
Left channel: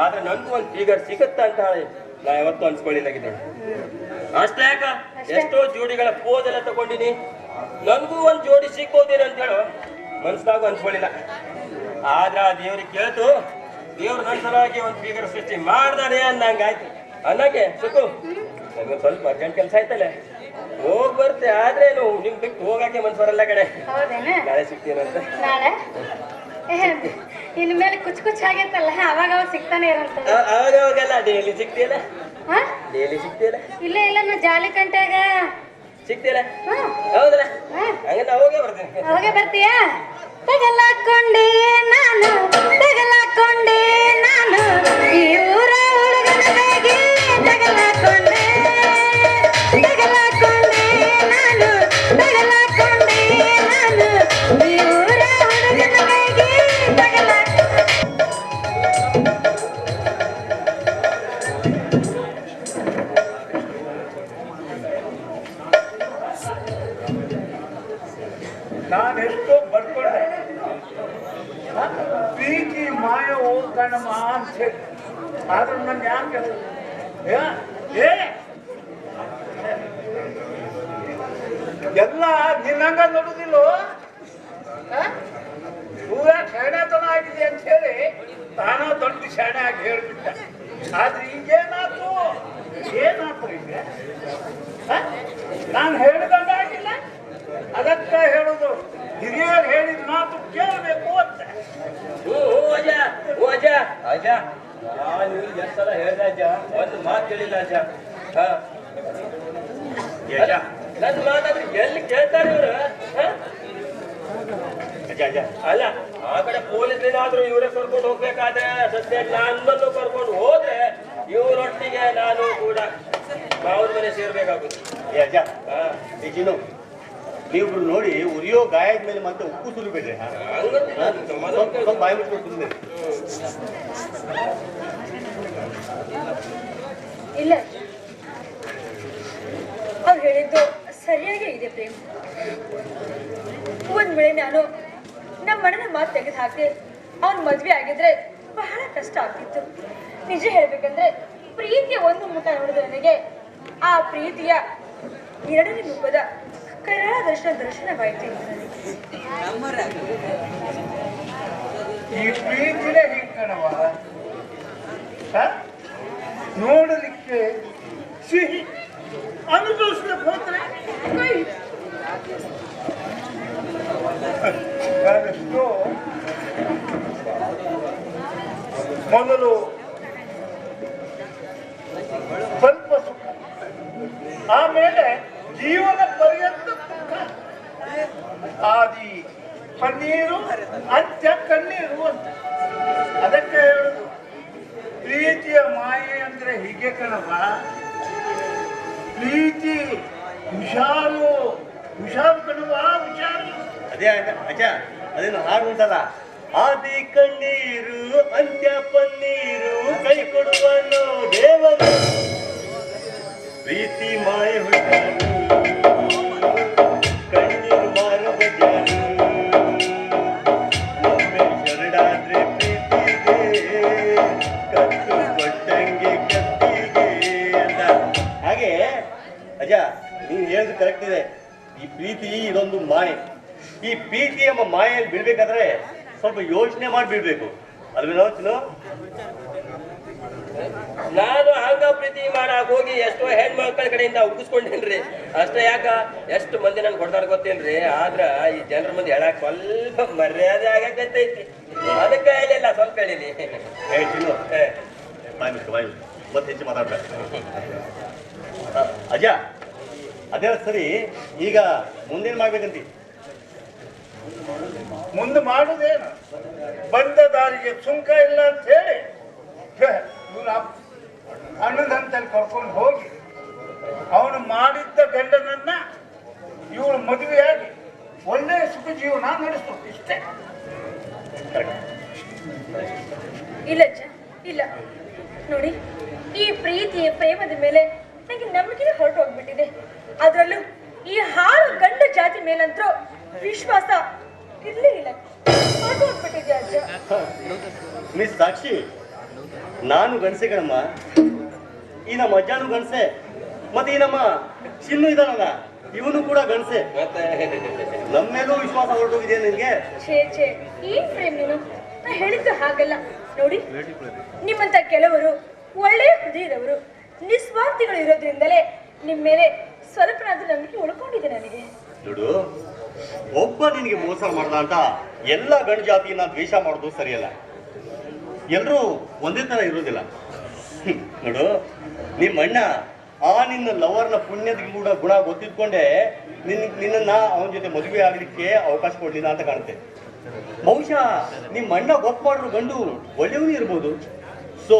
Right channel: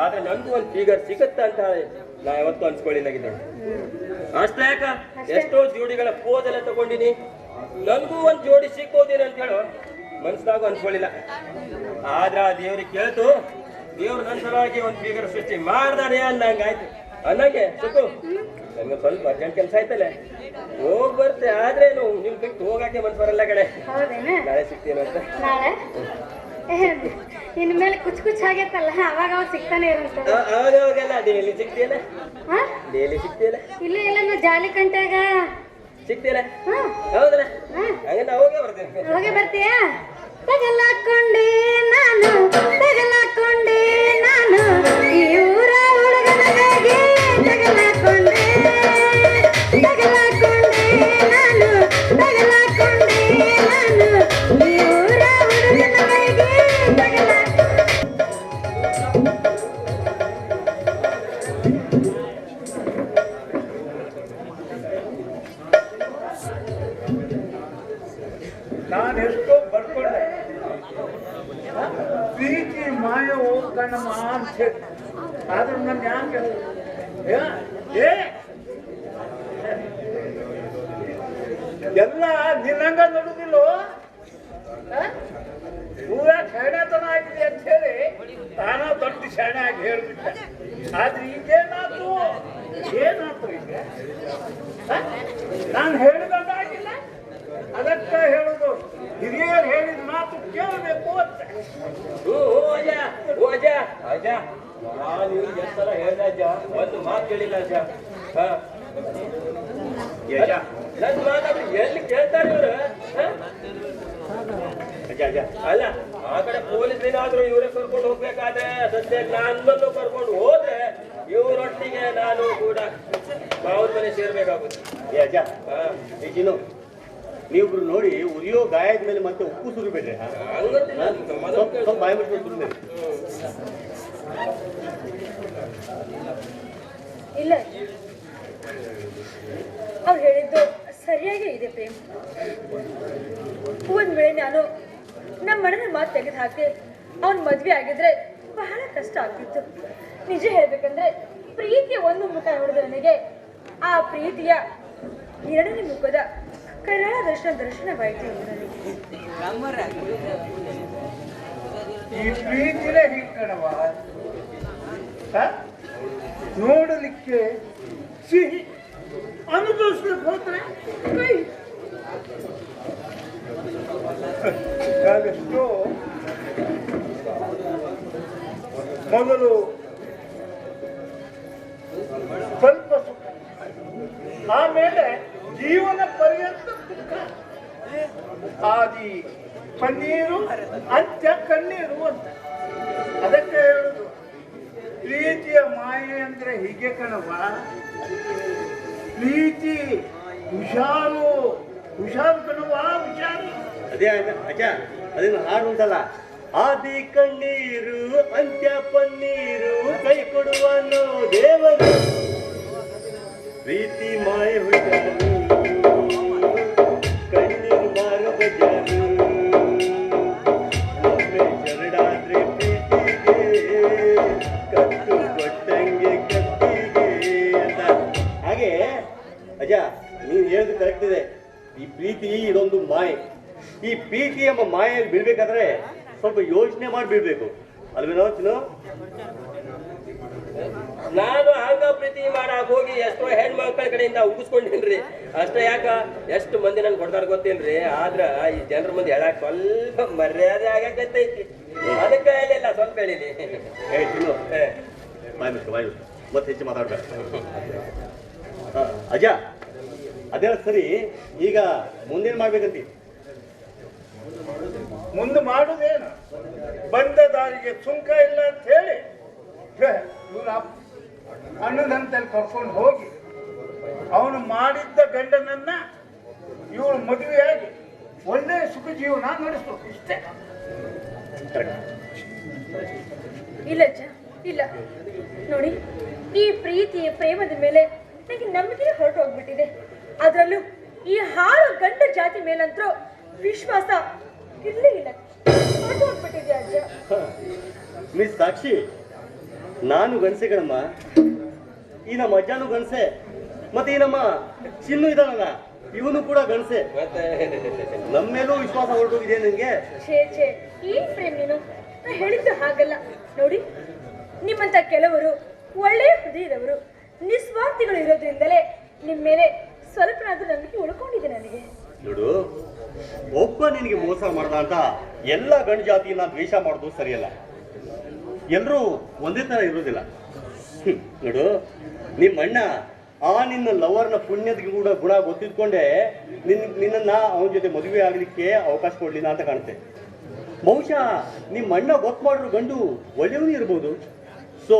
ಆದ್ರೆ ನನ್ಗೂ ಒಂದು ಫಿಗರ್ ಸಿಗುತ್ತ ಅಂತ ನಾ ಯಾವತ್ತೂ ಅನ್ಸ್ಕೊಳ್ಳಿದ್ದಾಗಿದೆ ಅಷ್ಟೇ ಯಾಕ ಎಷ್ಟೋ ಜೋಡಿಗಳ ಪೋಸ್ ಎಲ್ಲ ತಗೊಂಡಿನಿ ನನ್ಗೂ ಒಂದ್ ಜೋಡಿ ಸಿಕ್ಕೋದೇನು ಅಂತ ಹೇಳು ಮನ್ಸ್ನಾಗೂ ಅನ್ಸ್ಕೊಳ್ಳಿಲ್ಲ ಆದ್ರ ಆ ದೇವ್ರಿಗೆ ಕೇಳ್ತು ದೇವ್ರು ನನ್ನ ಸಲುವಾಗಿ ಒಂದು ಫಿಗರ್ ಸೃಷ್ಟಿ ಮಾಡ್ದಾನೆ ಅನ್ನಂಗಾಯ್ತು ಅನ್ನಕ್ಕೆ ಸುಕ್ಕು ನಮ್ಗೆ ಸ್ವಲ್ಪ ಅರ್ಜೆಂಟ್ ಕೆಲಸ ಆಯ್ತಲ್ಲ ಹೋಗ್ ಬರ್ತೆ ಆದ್ರೇನು ನಿಮ್ ಬಿಟ್ಟು ಹೋಗಕ್ಕೆ ಮನ್ಸು ಬರಲ್ಲ ಕಡೆ ಹೌದೇನ ನಾಳೆ ಸಿಗ್ತೀನಂತ ನಾಳೆ ಇನ್ ಮೇಲೆ ಕುಚ್ ಕುಚ್ ಆಗೈತಲ್ಲ ಅವಾಗ ಅವಾಗ ಸಿಗ್ತಾನೆ ಇರಂತ ಅವಾಗ ಅವಾಗೆಲ್ಲ ಡೈಲಿ ಸಿಗ್ತೀಯಲ್ಲ ಡೈಲಿ ಸಿಗ್ತೀಯಲ್ಲ ಇಲ್ಲ ಇಲ್ಲ ನಾ ಜಾಲಿ ಕಂಟ್ಯಾಗ ಸಿಗ್ತೀಯಲ್ಲ ಹೌದಲ್ಲ ಹಂಗ ನಾ ಹೋಗೇ ಬರ್ತೇನೆ ಹೋಗೇ ಬರ್ತೀಯಾ ತಗಲಾಕೊಂಡೆ ನಾನು ಈ ಊರ ಹುಡುಗನಿಗೆ ತಗಲಾಕೊಂಡೆ ನಾನು ಈ ಊರ ಹುಡುಗನಿಗೆ ನಾನು ಎಷ್ಟೋ ಬರ್ಕೊಂಡೆ ಪ್ರೀತಿ ಮಾಯ ಹೋಗ್ಕಣಮ್ಮ ಅಂತ ಹೇಳಿ ಆದ್ರೆ ನನ್ ಯಾಕೆ ಎಲ್ಲ ನಿನ್ನಂಗ ನೋಡುದಿಲ್ಲೋ ಪೂರ ಶಾಣೆತನ ಆಗಿದೆ ಅಂತ ಹೇಳಿ ತಾನ ದೊಡ್ಡ ಶಾಣೆ ಆಗಿ ಹೇಳ್ಬಿಟ್ಟೆ ಆದ್ರೆ ಈಗೇನಾಯ್ತು ಈಗ ನಾನು ಹೇಳಿದಂಗಾಗಿಲ್ಲ ಅದಕ್ಕ ಹೇಳುದು ಹಿರಿಯರು ಹೇಳಿದ ಮಾತು ಕೇಳಬೇಕು ಅಂತ ಅಜ್ಜ ನಾನು ಎಷ್ಟು ಸಲ ಹೇಳ್ದೆ ಅಜ್ಜ ಒಂದು ಮಾತು ಕೇಳಿಲ್ಲ ಅಜ್ಜ ಯಜ. ನನ್ನ ಮಾತಾಡಿ ಎಲ್ಲಿ ಕೇಳ್ತಾರೆ ಇವ್ರು ಅಜ್ಜ ಅಜ್ಜ ಅಲ್ಲ ಆ ಕಡೆ ಪೊಲೀಸ್ ಏನಾದ್ರು ಇವ್ರೆ ಕರ್ಕೊಂಡು ಹೋಗ್ಬೇಕಾದ್ರೆ ಸದ್ಯ ನನ್ನನ್ನು ಕರ್ಕೊಂಡು ಹೋದ್ರೆ ಇವರೊಟ್ಟಿಗೆ ನಾನು ಕೂಡ ಅವ್ರ ಮನೆ ಸೇರ್ಬೇಕಾಗುತ್ತೆ ಏ ಅಜ್ಜ ಈ ಚಿನ್ನು ನೀವಿಬ್ರು ನೋಡಿ ಉರಿಯೋ ಗಾಯದ ಮೇಲೆ ಮತ್ತೆ ಉಪ್ಪು ಸುರಿಬೇಡ್ರಿ ಸ್ವಲ್ಪ ಬಾಯಿ ಮುಚ್ಕೊಂಡು ಸುರಿಬೇಡಿ. ಇಲ್ಲ ಅವ್ರು ಹೇಳಿದ್ದು ಸರಿಯಾಗೇ ಇದೆ ಪ್ರೇಮ್. ಒಂದ್ ವೇಳೆ ನಾನು ನಮ್ಮ ಅಣ್ಣನ ಮಾತು ತೆಗೆದು ಹಾಕಿ ಅವನ್ ಮದ್ವೆ ಆಗಿದ್ರೆ ಬಹಳ ಕಷ್ಟ ಆಗ್ತಿತ್ತು. ನಿಜ ಹೇಳ್ಬೇಕಂದ್ರೆ ಪ್ರೀತಿಯ ಒಂದು ಮುಖ ನೋಡಿದ ನನಗೆ ಆ ಪ್ರೀತಿಯ ಎರಡನೇ ಮುಖದ ಕರಾಳ ದರ್ಶನವಾಯಿತು. ಈ ಪ್ರೀತಿನೇ ಹಿಂಗಣವ ನೋಡಲಿಕ್ಕೆ ಸಿಹಿ, ಅನುಭವಿಸ್ಲಿಕ್ಕೆ ಹೋದ್ರೆ ಕಹಿ. ನಾನೆಷ್ಟೋ ಮೊದಲು ಸ್ವಲ್ಪ ಸುಖ, ಆಮೇಲೆ ಜೀವನ ಪರ್ಯಂತ ದುಃಖ. ಆದಿ ಕಣ್ಣೀರು, ಅಂತ್ಯ ಕಣ್ಣೀರು ಅಂತ. ಅದಕ್ಕೆ ಹೇಳುದು ಪ್ರೀತಿಯ ಮಾಯೆ ಅಂದ್ರೆ ಹೀಗೆ ಕಣವ. ಪ್ರೀತಿ ಹುಷಾರು, ಹುಷಾರು ಕಣವ, ಹುಷಾರು. ಅದೇ ಅಜ್ಜ ಅದೇನು ಹಾಡು ಉಂಟಲ್ಲ, ಆದಿ ಕಣ್ಣೀರು ಅಂತ್ಯ ಪನ್ನೀರು ಕೈ ಕೊಡುವನು ದೇವರು ಪ್ರೀತಿ ಮಾಯ ಹುಷಾರು ಕಣ್ಣೀರು ಮಾರು ಬಜಾರು ಒಮ್ಮೆ ಶರಣಾದ್ರೆ ಪ್ರೀತಿಗೆ ಕತ್ತು ಕೊಟ್ಟಂಗೆ ಕತ್ತಿಗೆ ಅಂತ. ಹಾಗೆ ಅಜ್ಜ ನೀನು ಹೇಳಿದ್ದು ಕರೆಕ್ಟ್ ಇದೆ. ಈ ಪ್ರೀತಿ ಇದೊಂದು ಮಾಯೆ. ಈ ಪ್ರೀತಿ ಎಂಬ ಮಾಯೆಯಲ್ಲಿ ಬೀಳ್ಬೇಕಾದ್ರೆ ಸ್ವಲ್ಪ ಯೋಚನೆ ಮಾಡಿ ಬೀಳ್ಬೇಕು. ಅಲ್ವೇನೋ ನಾನು ಹಂಗ ಪ್ರೀತಿ ಮಾಡಕ್ ಹೋಗಿ ಎಷ್ಟೋ ಹೆಣ್ಮಕ್ಳ ಕಡೆಯಿಂದ ಉಗಿಸ್ಕೊಂಡಿನ್ರಿ. ಅಷ್ಟೇ ಯಾಕ ಎಷ್ಟು ಮಂದಿ ನನ್ಗೆ ಹೊಡೆದಾರ ಗೊತ್ತೇನ್ರಿ. ಆದ್ರ ಈ ಜನರ ಮಂದಿ ಹೇಳಕ್ ಸ್ವಲ್ಪ ಮರ್ಯಾದೆ ಆಗತ್ತೈತಿ. ಅದಕ್ಕೆ ಹೇಳಿಲ್ಲ, ಸ್ವಲ್ಪ ಹೇಳಿನಿ. ಹೇಳ್ತೀನಿ ಬಾಯ್ ಮತ್ತೆ ಹೆಚ್ಚು ಮಾತಾಡ್ಬೇಕು. ಅಜ್ಜ ಅದೇ ಸರಿ, ಈಗ ಮುಂದೇನು ಮಾಡ್ಬೇಕಂತಿ? ಮುಂದೆ ಮಾಡುದೇನು, ಬಂದ ದಾರಿಗೆ ಸುಂಕ ಇಲ್ಲ ಅಂತ ಹೇಳಿ ಇವನ ಅಣ್ಣನಂತಲ್ಲಿ ಕರ್ಕೊಂಡು ಹೋಗಿ ಅವನು ಮಾಡಿದ್ದ ಗಂಡನನ್ನ ಇವಳು ಮದುವೆಯಾಗಿ ಒಳ್ಳೆ ಸುಖ ಜೀವನ ನಡೆಸ್ಬೇಕು. ಇಷ್ಟೇ. ಇಲ್ಲ ಅಜ್ಜ, ಇಲ್ಲ ನೋಡಿ, ಈ ಪ್ರೀತಿಯ ಪ್ರೇಮದ ಮೇಲೆ ನನಗೆ ನಂಬಿಕೆ ಹೊರಟು ಹೋಗ್ಬಿಟ್ಟಿದೆ. ಅದರಲ್ಲೂ ಈ ಹಾಳು ಗಂಡು ಜಾತಿ ಮೇಲಂತರೂ ವಿಶ್ವಾಸ ಇರ್ಲೇ ಇಲ್ಲ, ಹೊರಟು ಹೋಗ್ಬಿಟ್ಟಿದೆ ಅಜ್ಜ. ಮಿಸ್ ಸಾಕ್ಷಿ, ನಾನು ಗಣಸೆ ಕಣಮ್ಮ, ಈ ನಮ್ಮ ಅಜ್ಜನೂ ಗಣಸೆ, ಮತ್ತೆ ಈ ನಮ್ಮ ಚಿನ್ನು ಇದಾನಲ್ಲ ಇವನು ಕೂಡ ಗಣಸೆ. ಮತ್ತೆ ನಮ್ಮೇಲೂ ವಿಶ್ವಾಸ ಹೊರಟೋಗಿದೆ ನಿನ್ಗೆ. ಛೇ ಏನ್ ಪ್ರೇಮ್ ನೀನು, ನಾ ಹೇಳಿದ್ದು ಹಾಗಲ್ಲ. ನೋಡಿ, ನಿಮ್ಮಂತ ಕೆಲವರು ಒಳ್ಳೆಯ ಹೃದಯದವರು, ನಿಸ್ವಾರ್ಥಿಗಳು ಇರೋದ್ರಿಂದಲೇ ನಿಮ್ಮ ಮೇಲೆ ಸ್ವಲ್ಪನಾದ್ರೂ ನಂಬಿಕೆ ಉಳ್ಕೊಂಡಿದೆ ನನಗೆ. ನೋಡು, ಒಬ್ಬ ನಿನಗೆ ಮೋಸ ಮಾಡ್ದ ಅಂತ ಎಲ್ಲ ಗಂಡು ಜಾತಿಯನ್ನ ದ್ವೇಷ ಮಾಡೋದು ಸರಿಯಲ್ಲ. ಎಲ್ಲರೂ ಒಂದೇ ತರ ಇರೋದಿಲ್ಲ. ನೋಡು, ನಿಮ್ಮ ಅಣ್ಣ ಆ ನಿನ್ನ ಲವರ್ನ ಪುಣ್ಯದ ಗುಣ ಗೊತ್ತಿದ್ಕೊಂಡೆ ನಿನ್ನನ್ನ ಅವನ ಜೊತೆ ಮದುವೆ ಆಗ್ಲಿಕ್ಕೆ ಅವಕಾಶ ಕೊಡ್ಲಿಲ್ಲ ಅಂತ ಕಾಣುತ್ತೆ. ಬಹುಶಃ ನಿಮ್ಮ ಅಣ್ಣ ಗೊತ್ತು ಮಾಡಿರೋ ಗಂಡು ಒಳ್ಳೆಯವನೇ ಇರ್ಬೋದು. ಸೊ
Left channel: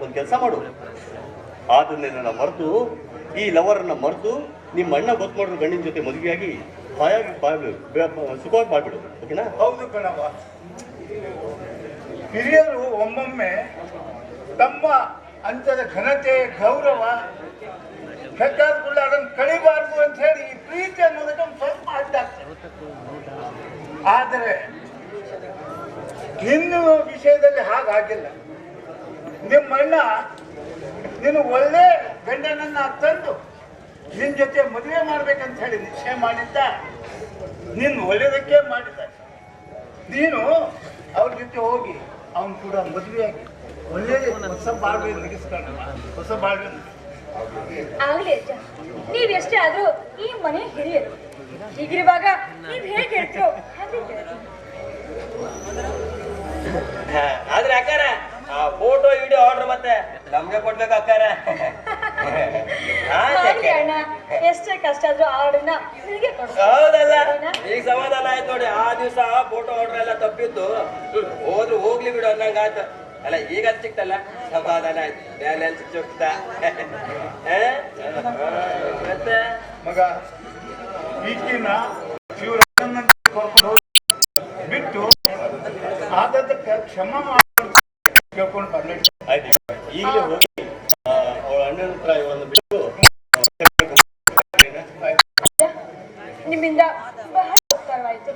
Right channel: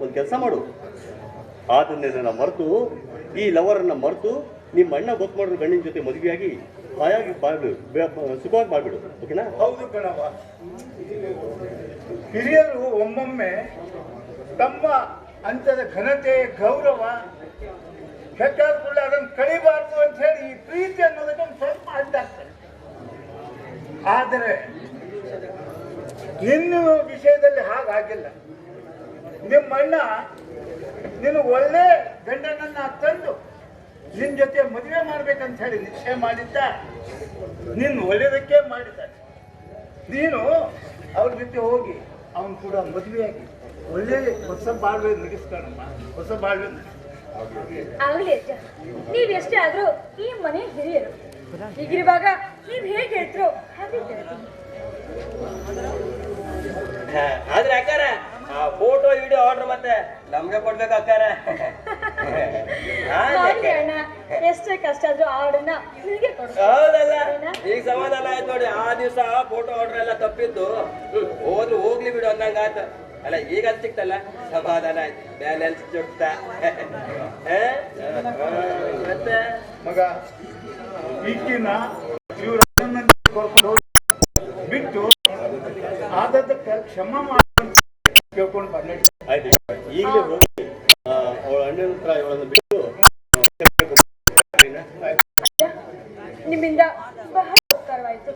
ಒಂದು ಕೆಲಸ ಮಾಡು, ಆತನ ಮರೆತು, ಈ ಲವರನ್ನ ಮರೆತು ನಿಮ್ಮ ಅಣ್ಣ ಗೊತ್ತು ಮಾಡಿರೋ ಗಂಡಿನ ಜೊತೆ ಮದುವೆಯಾಗಿ ಹಾಯಾಗಿ ಸುಖವಾಗಿ ಮಾಡ್ಬಿಡು. ಓಕೆನಾ? ಹೌದು ಕಣವ. ಹಿರಿಯರು ಒಮ್ಮೊಮ್ಮೆ ತಮ್ಮ ಅಂತ್ಯದ ಘನತೆ, ಗೌರವ ಹೆಚ್ಚಾದ್ಕೂಡ ಅದನ್ನು ಕಳಿಬಾರ್ದು ಅಂತ ಹೇಳಿ ಈ ಪ್ರೀತಿ ಅನ್ನೋದಕ್ಕೆ ಸ್ವಲ್ಪ ಅಡ್ಡಾಗ್ತದೆ. ಆದರೆ ನಿನ್ನ ವಿಷಯದಲ್ಲಿ ಹಾಗಾಗಿಲ್ಲ. ನಿಮ್ಮ ಅಣ್ಣ ನೀನು ಒಳ್ಳೆ ಗಂಡನನ್ನ ತಂದು ನಿನ್ನ ಜೊತೆ ಮದುವೆ ಮಾಡ್ಬೇಕಂತ ಹೇಳಿ ನಿಶ್ಚಯ ಮಾಡಿದ್ದ. ನೀನು ಒಳ್ಳೆಯದಕ್ಕೆ ಮಾಡಿದ್ದ. ನೀನು ಅವ್ರ ಜೊತೆ ಹೋಗಿ ಅವನು ಕೂಡ ಮದುವೆಯಾಗಿ ಒಳ್ಳೆ ಹೊಸ ಬಾಳ್ವೆ ನಗಿಸ್ಕೊಳ್ಳಮ್ಮ, ಹೊಸ ಬಾಳ್ವೆ. ಆಗ್ಲಿ ಅಜ್ಜ, ನೀವೆಷ್ಟೇ ಆದ್ರೂ ಈ ಮನೆ ಹಿರಿಯರು. ಹೀಗಿರುವಾಗ ನೀವ್ ಹೇಗೆ ಹೇಳ್ತಿರೋ ಹಾಗೆ ಕೇಳ್ತೀನಿ. ಆದ್ರೆ ಅಕ್ಕಾರ ಫೋಟೋ ವಿಡಿಯೋ ಆರ್ಡರ್ ಮತ್ತೆ ನಮ್ಗೆ ಕೊಡ್ಬೇಕಾಗ್ತಾರೆ ಮಾಡ್ಲಿ ಅಣ್ಣ, ಎಷ್ಟೇ ಕಷ್ಟ ಆದ್ರೂ ಆ ಹಾಡನ್ನ ನಿನಗೆ ಕೊಡು. ಹೌದಲ್ಲ ಈಗ ಸಮಾಧಾನ ಆಯ್ತು ನೋಡಿ. ಆ ದಿವಸ ಫೋಟೋ ಆರ್ಡರ್ ಎಲ್ಲ ತಪ್ಪಿದ್ದು ಹೋದ್ರು ಹೋಗ್ಲಿ ಬಿಡು ಅನ್ನಂಗ ಆಯ್ತು. ಅಲ್ಲ ಈಗ ಸಿಕ್ತಲ್ಲ ಸಮಾಧಾನ ಆಯ್ತು. ಬ್ಯಾಲೆನ್ಸ್ ಚುಟ್ಟ ಮತ್ತೆ ಮಗ ಈಗಿನ ಇವ್ರ ಬಿಟ್ಟು ಆದದ್ದಕ್ಕೆ ಕ್ಷಮ ಮಾಡ್ಕೊಂಡು ಕೇಳ್ಕೊಂಡು ಬಂದ ಆಯ್ತು, ಈಗಲೇ ಹೋಗಿ ಅವಳ ಅಣ್ಣನ ಹತ್ರ ಇವಳನ್ನು ಬಿಟ್ಟು ನಿಮ್ಮಿಂದ ಬಹಳ ಉಪಕಾರವಾಯಿತು.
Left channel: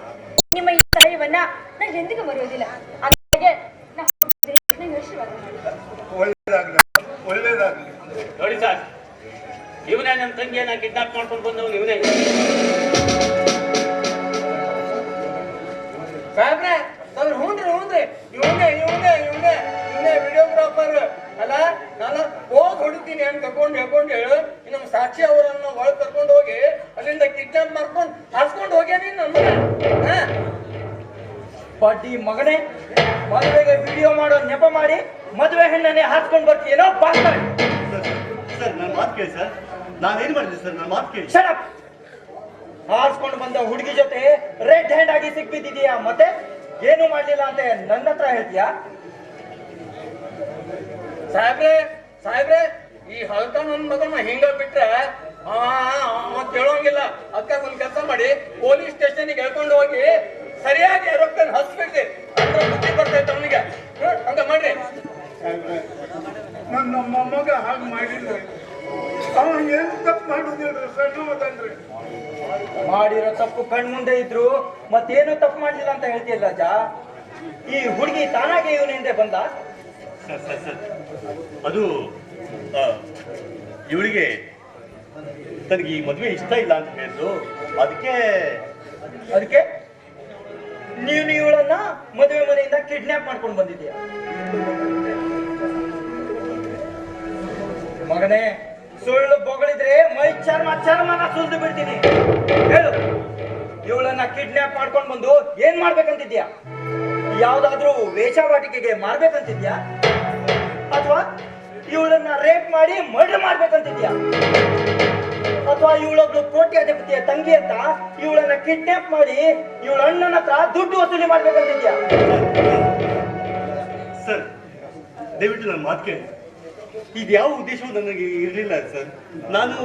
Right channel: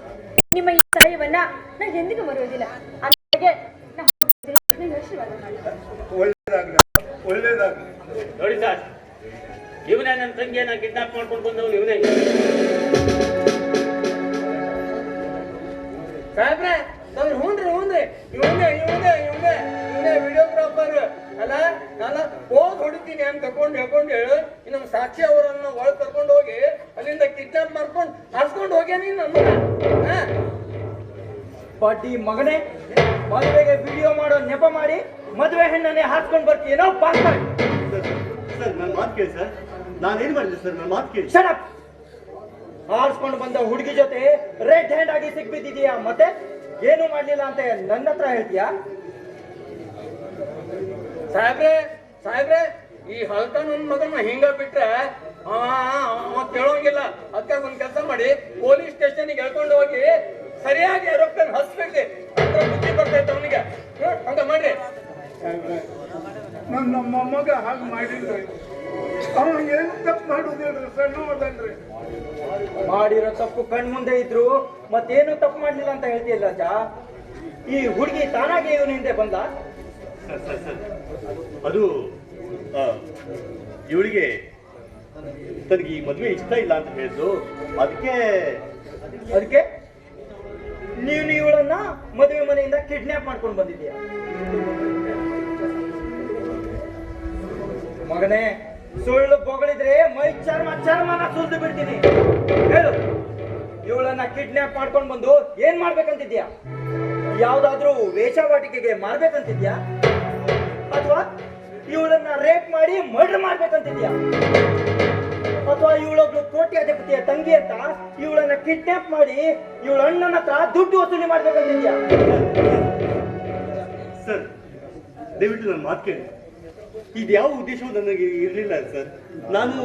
ನಿಮ್ಮ ಈ ಸಹಾಯವನ್ನ ನಾನು ಎಂದಿಗೂ ಮರೆಯುವುದಿಲ್ಲ. ಹಾಗೆ ನಾನು ಆಶೀರ್ವಾದ ಮಾಡಿ. ಒಳ್ಳೇದಾಗ್ಲಿ ಒಳ್ಳೇದಾಗ್ಲಿ. ನೋಡಿ ಸರ್, ಇವನೇ ನನ್ನ ತಂಗಿಯನ್ನ ಕಿಡ್ನಾಪ್ ಮಾಡ್ಕೊಂಡು ಬಂದವನು ಇವನೇ. ಸಾಹೇಬ್ರೆ ಅವ್ರು ಹ್ಞೂನ್ರಿ ಇವನೇ ವಿಡಿಯೋಗ್ರಾಫರ್ ಅಲ್ಲ. ನಾನು ಹೋಗಿ ಹೊಡಿತೀನಿ ಅಂತ ಕರ್ಕೊಂಡು ಹೇಳು. ನಮ್ಮ ಸಾಕ್ಷಿ ಅವರನ್ನು ಒಳಗೆ ಕರ್ಕೊಂಡು ಹೋಗಿ ಅಲ್ಲಿಂದ ಕಿಡ್ನಾಪ್ ಮಾಡ್ಕೊಂಡು ಹಾಸ್ಕೊಂಡು ಹೋಗ್ಯಾನಿ ನನ್ನ ಬಡ್ಡಿ ಮಗನೇ, ಮದುವೆಗೆ ವಿಡಿಯೋ ಮಾಡೋ ನೆಪ ಮಾಡಿ ಮದುವೆ ಹೆಣ್ಣನ್ನೇ ಹಾಕ್ಕೊಂಡು ಬರ್ತೀನೋ ಬಾಸ್ತಾರೆ. ಸರ್ ನನ್ನ ಮಾತು ಕೇಳಿ ಸರ್, ನಾನೇನು ಮಾಡಿದೆ ಸರ್? ನನ್ನ ಮಾತು ಕೇಳಿ. Shut up. ಹಾರಿಸ್ಕೊಂಡು ಬಂದ ಹುಡುಗಿ ಜೊತೆ ರೆಡ್ ಹ್ಯಾಂಡ್ ಆಗಿ ಸಿಕ್ಬಿದ್ದಿದೀಯಾ, ಮತ್ತೆ ಏನು ಮಾಡ್ಲಿಲ್ಲ ಅಂತ ನನ್ನ ಹತ್ರ ಹೇಳ್ತೀಯಾ? ಸಾಹೇಬ್ರೆ ಈ ಹಲ್ಕ ನನ್ನ ಮಗನ ಹಿಂಗ ಬಿಟ್ರೆ ಕೇಳೋಂಗಿಲ್ಲ. ಅದಕ್ಕೆ ಒಂದ್ ಕೆಲಸ ಮಾಡಿ, ಪೊಲೀಸ್ ಸ್ಟೇಷನ್ಗೆ ಹೇಳ್ಕೊಂಡು ಹೋಗಿ ಸರಿಯಾಗಿ ಏರೋಪ್ಲೇನ್ ಹಸ್ಬಿಡ್ರಿ, ಅಂದ್ರೆ ಬುದ್ಧಿ ಬರ್ತೈತೆ ಅವನಿಗೆ. ಹಂಗ ಮಾಡ್ರಿ. ನನ್ನ ಮೊಮ್ಮಗ ಹಾಗೆ ಮಾಡಿದ್ರೆ ಅವ ಏನು ತಪ್ಪು ಮಾಡುದಿಲ್ಲ, ಸಣ್ಣವದಲ್ರಿ. ಮಾಡಿರೋ ತಪ್ಪು ಕಣ್ ಮುಂದೆ ಇದ್ರು ಮತ್ತೇನು ತಪ್ಪು ಮಾಡ್ಲಿಲ್ಲ ಅಂತ ಹೇಳ್ತೀಯಲ್ಲ ರಾಜ. ಈ ಹುಡುಗಿ ತಾನಾಗೆ ಇವನ ಹಿಂದೆ ಬಂದ. ಸರ್ ಅದು ಇವಳಿಗೆ ತನಗೆ ಈ ಮದುವೆ ಇಷ್ಟ ಇಲ್ಲ ಅಂತ ಹೇಳಿದ್ದು, ಅದಕ್ಕೆ ನೀನು ಇವಳನ್ನ ಮದುವೆ ಮನೆಯಿಂದ ಕಿಡ್ನಾಪ್ ಮಾಡ್ಕೊಂಡು ಬಂದಿದ್ದೀಯ. ಮಗನೇ, ಸುಳ್ಳು ಬೊಗಳಿದ್ರೆ ಮೈ ಚರ್ಮನ ಸುಲ್ದು ಬಿಡ್ತೀನಿ. ಹೇಳು, ಇವಳನ್ನ ಕಿಡ್ನಾಪ್ ಮಾಡ್ಕೊಂಡು ಬಂದು ಏನ್ ಮಾಡ್ಬೇಕಂತಿದ್ಯಾ? ಯಾವ್ದಾದ್ರೂ ವೇಷವಾಟಿಕೆಗೆ ಮಾರ್ಬೇಕಂತಿದ್ಯಾ? ಅಥವಾ ಇವಳನ್ನ ರೇಪ್ ಮಾಡಿ ಮರ್ಡರ್ ಮಾಡ್ಬೇಕಂತಿದ್ಯಾ? ಅಥವಾ ಇವಳೊಬ್ಳು ಕೋಟ್ಯಾಧಿಪತಿಯ ತಂಗಿ ಅಂತ ಇವಳನ್ನ ಕಿಡ್ನಾಪ್ ಮಾಡಿ ಇವಳ ಅಣ್ಣನ ಹತ್ರ ದುಡ್ಡು ವಸೂಲಿ ಮಾಡ್ಬೇಕಂತಿದ್ಯಾ? ಸರ್ ದಯವಿಟ್ಟು ನನ್ನ ಮಾತು ಕೇಳಿ. ಇದು ಯಾವ ಉದ್ದೇಶವೂ ನನಗೆ ಇರಲಿಲ್ಲ ಸರ್. ನಾನು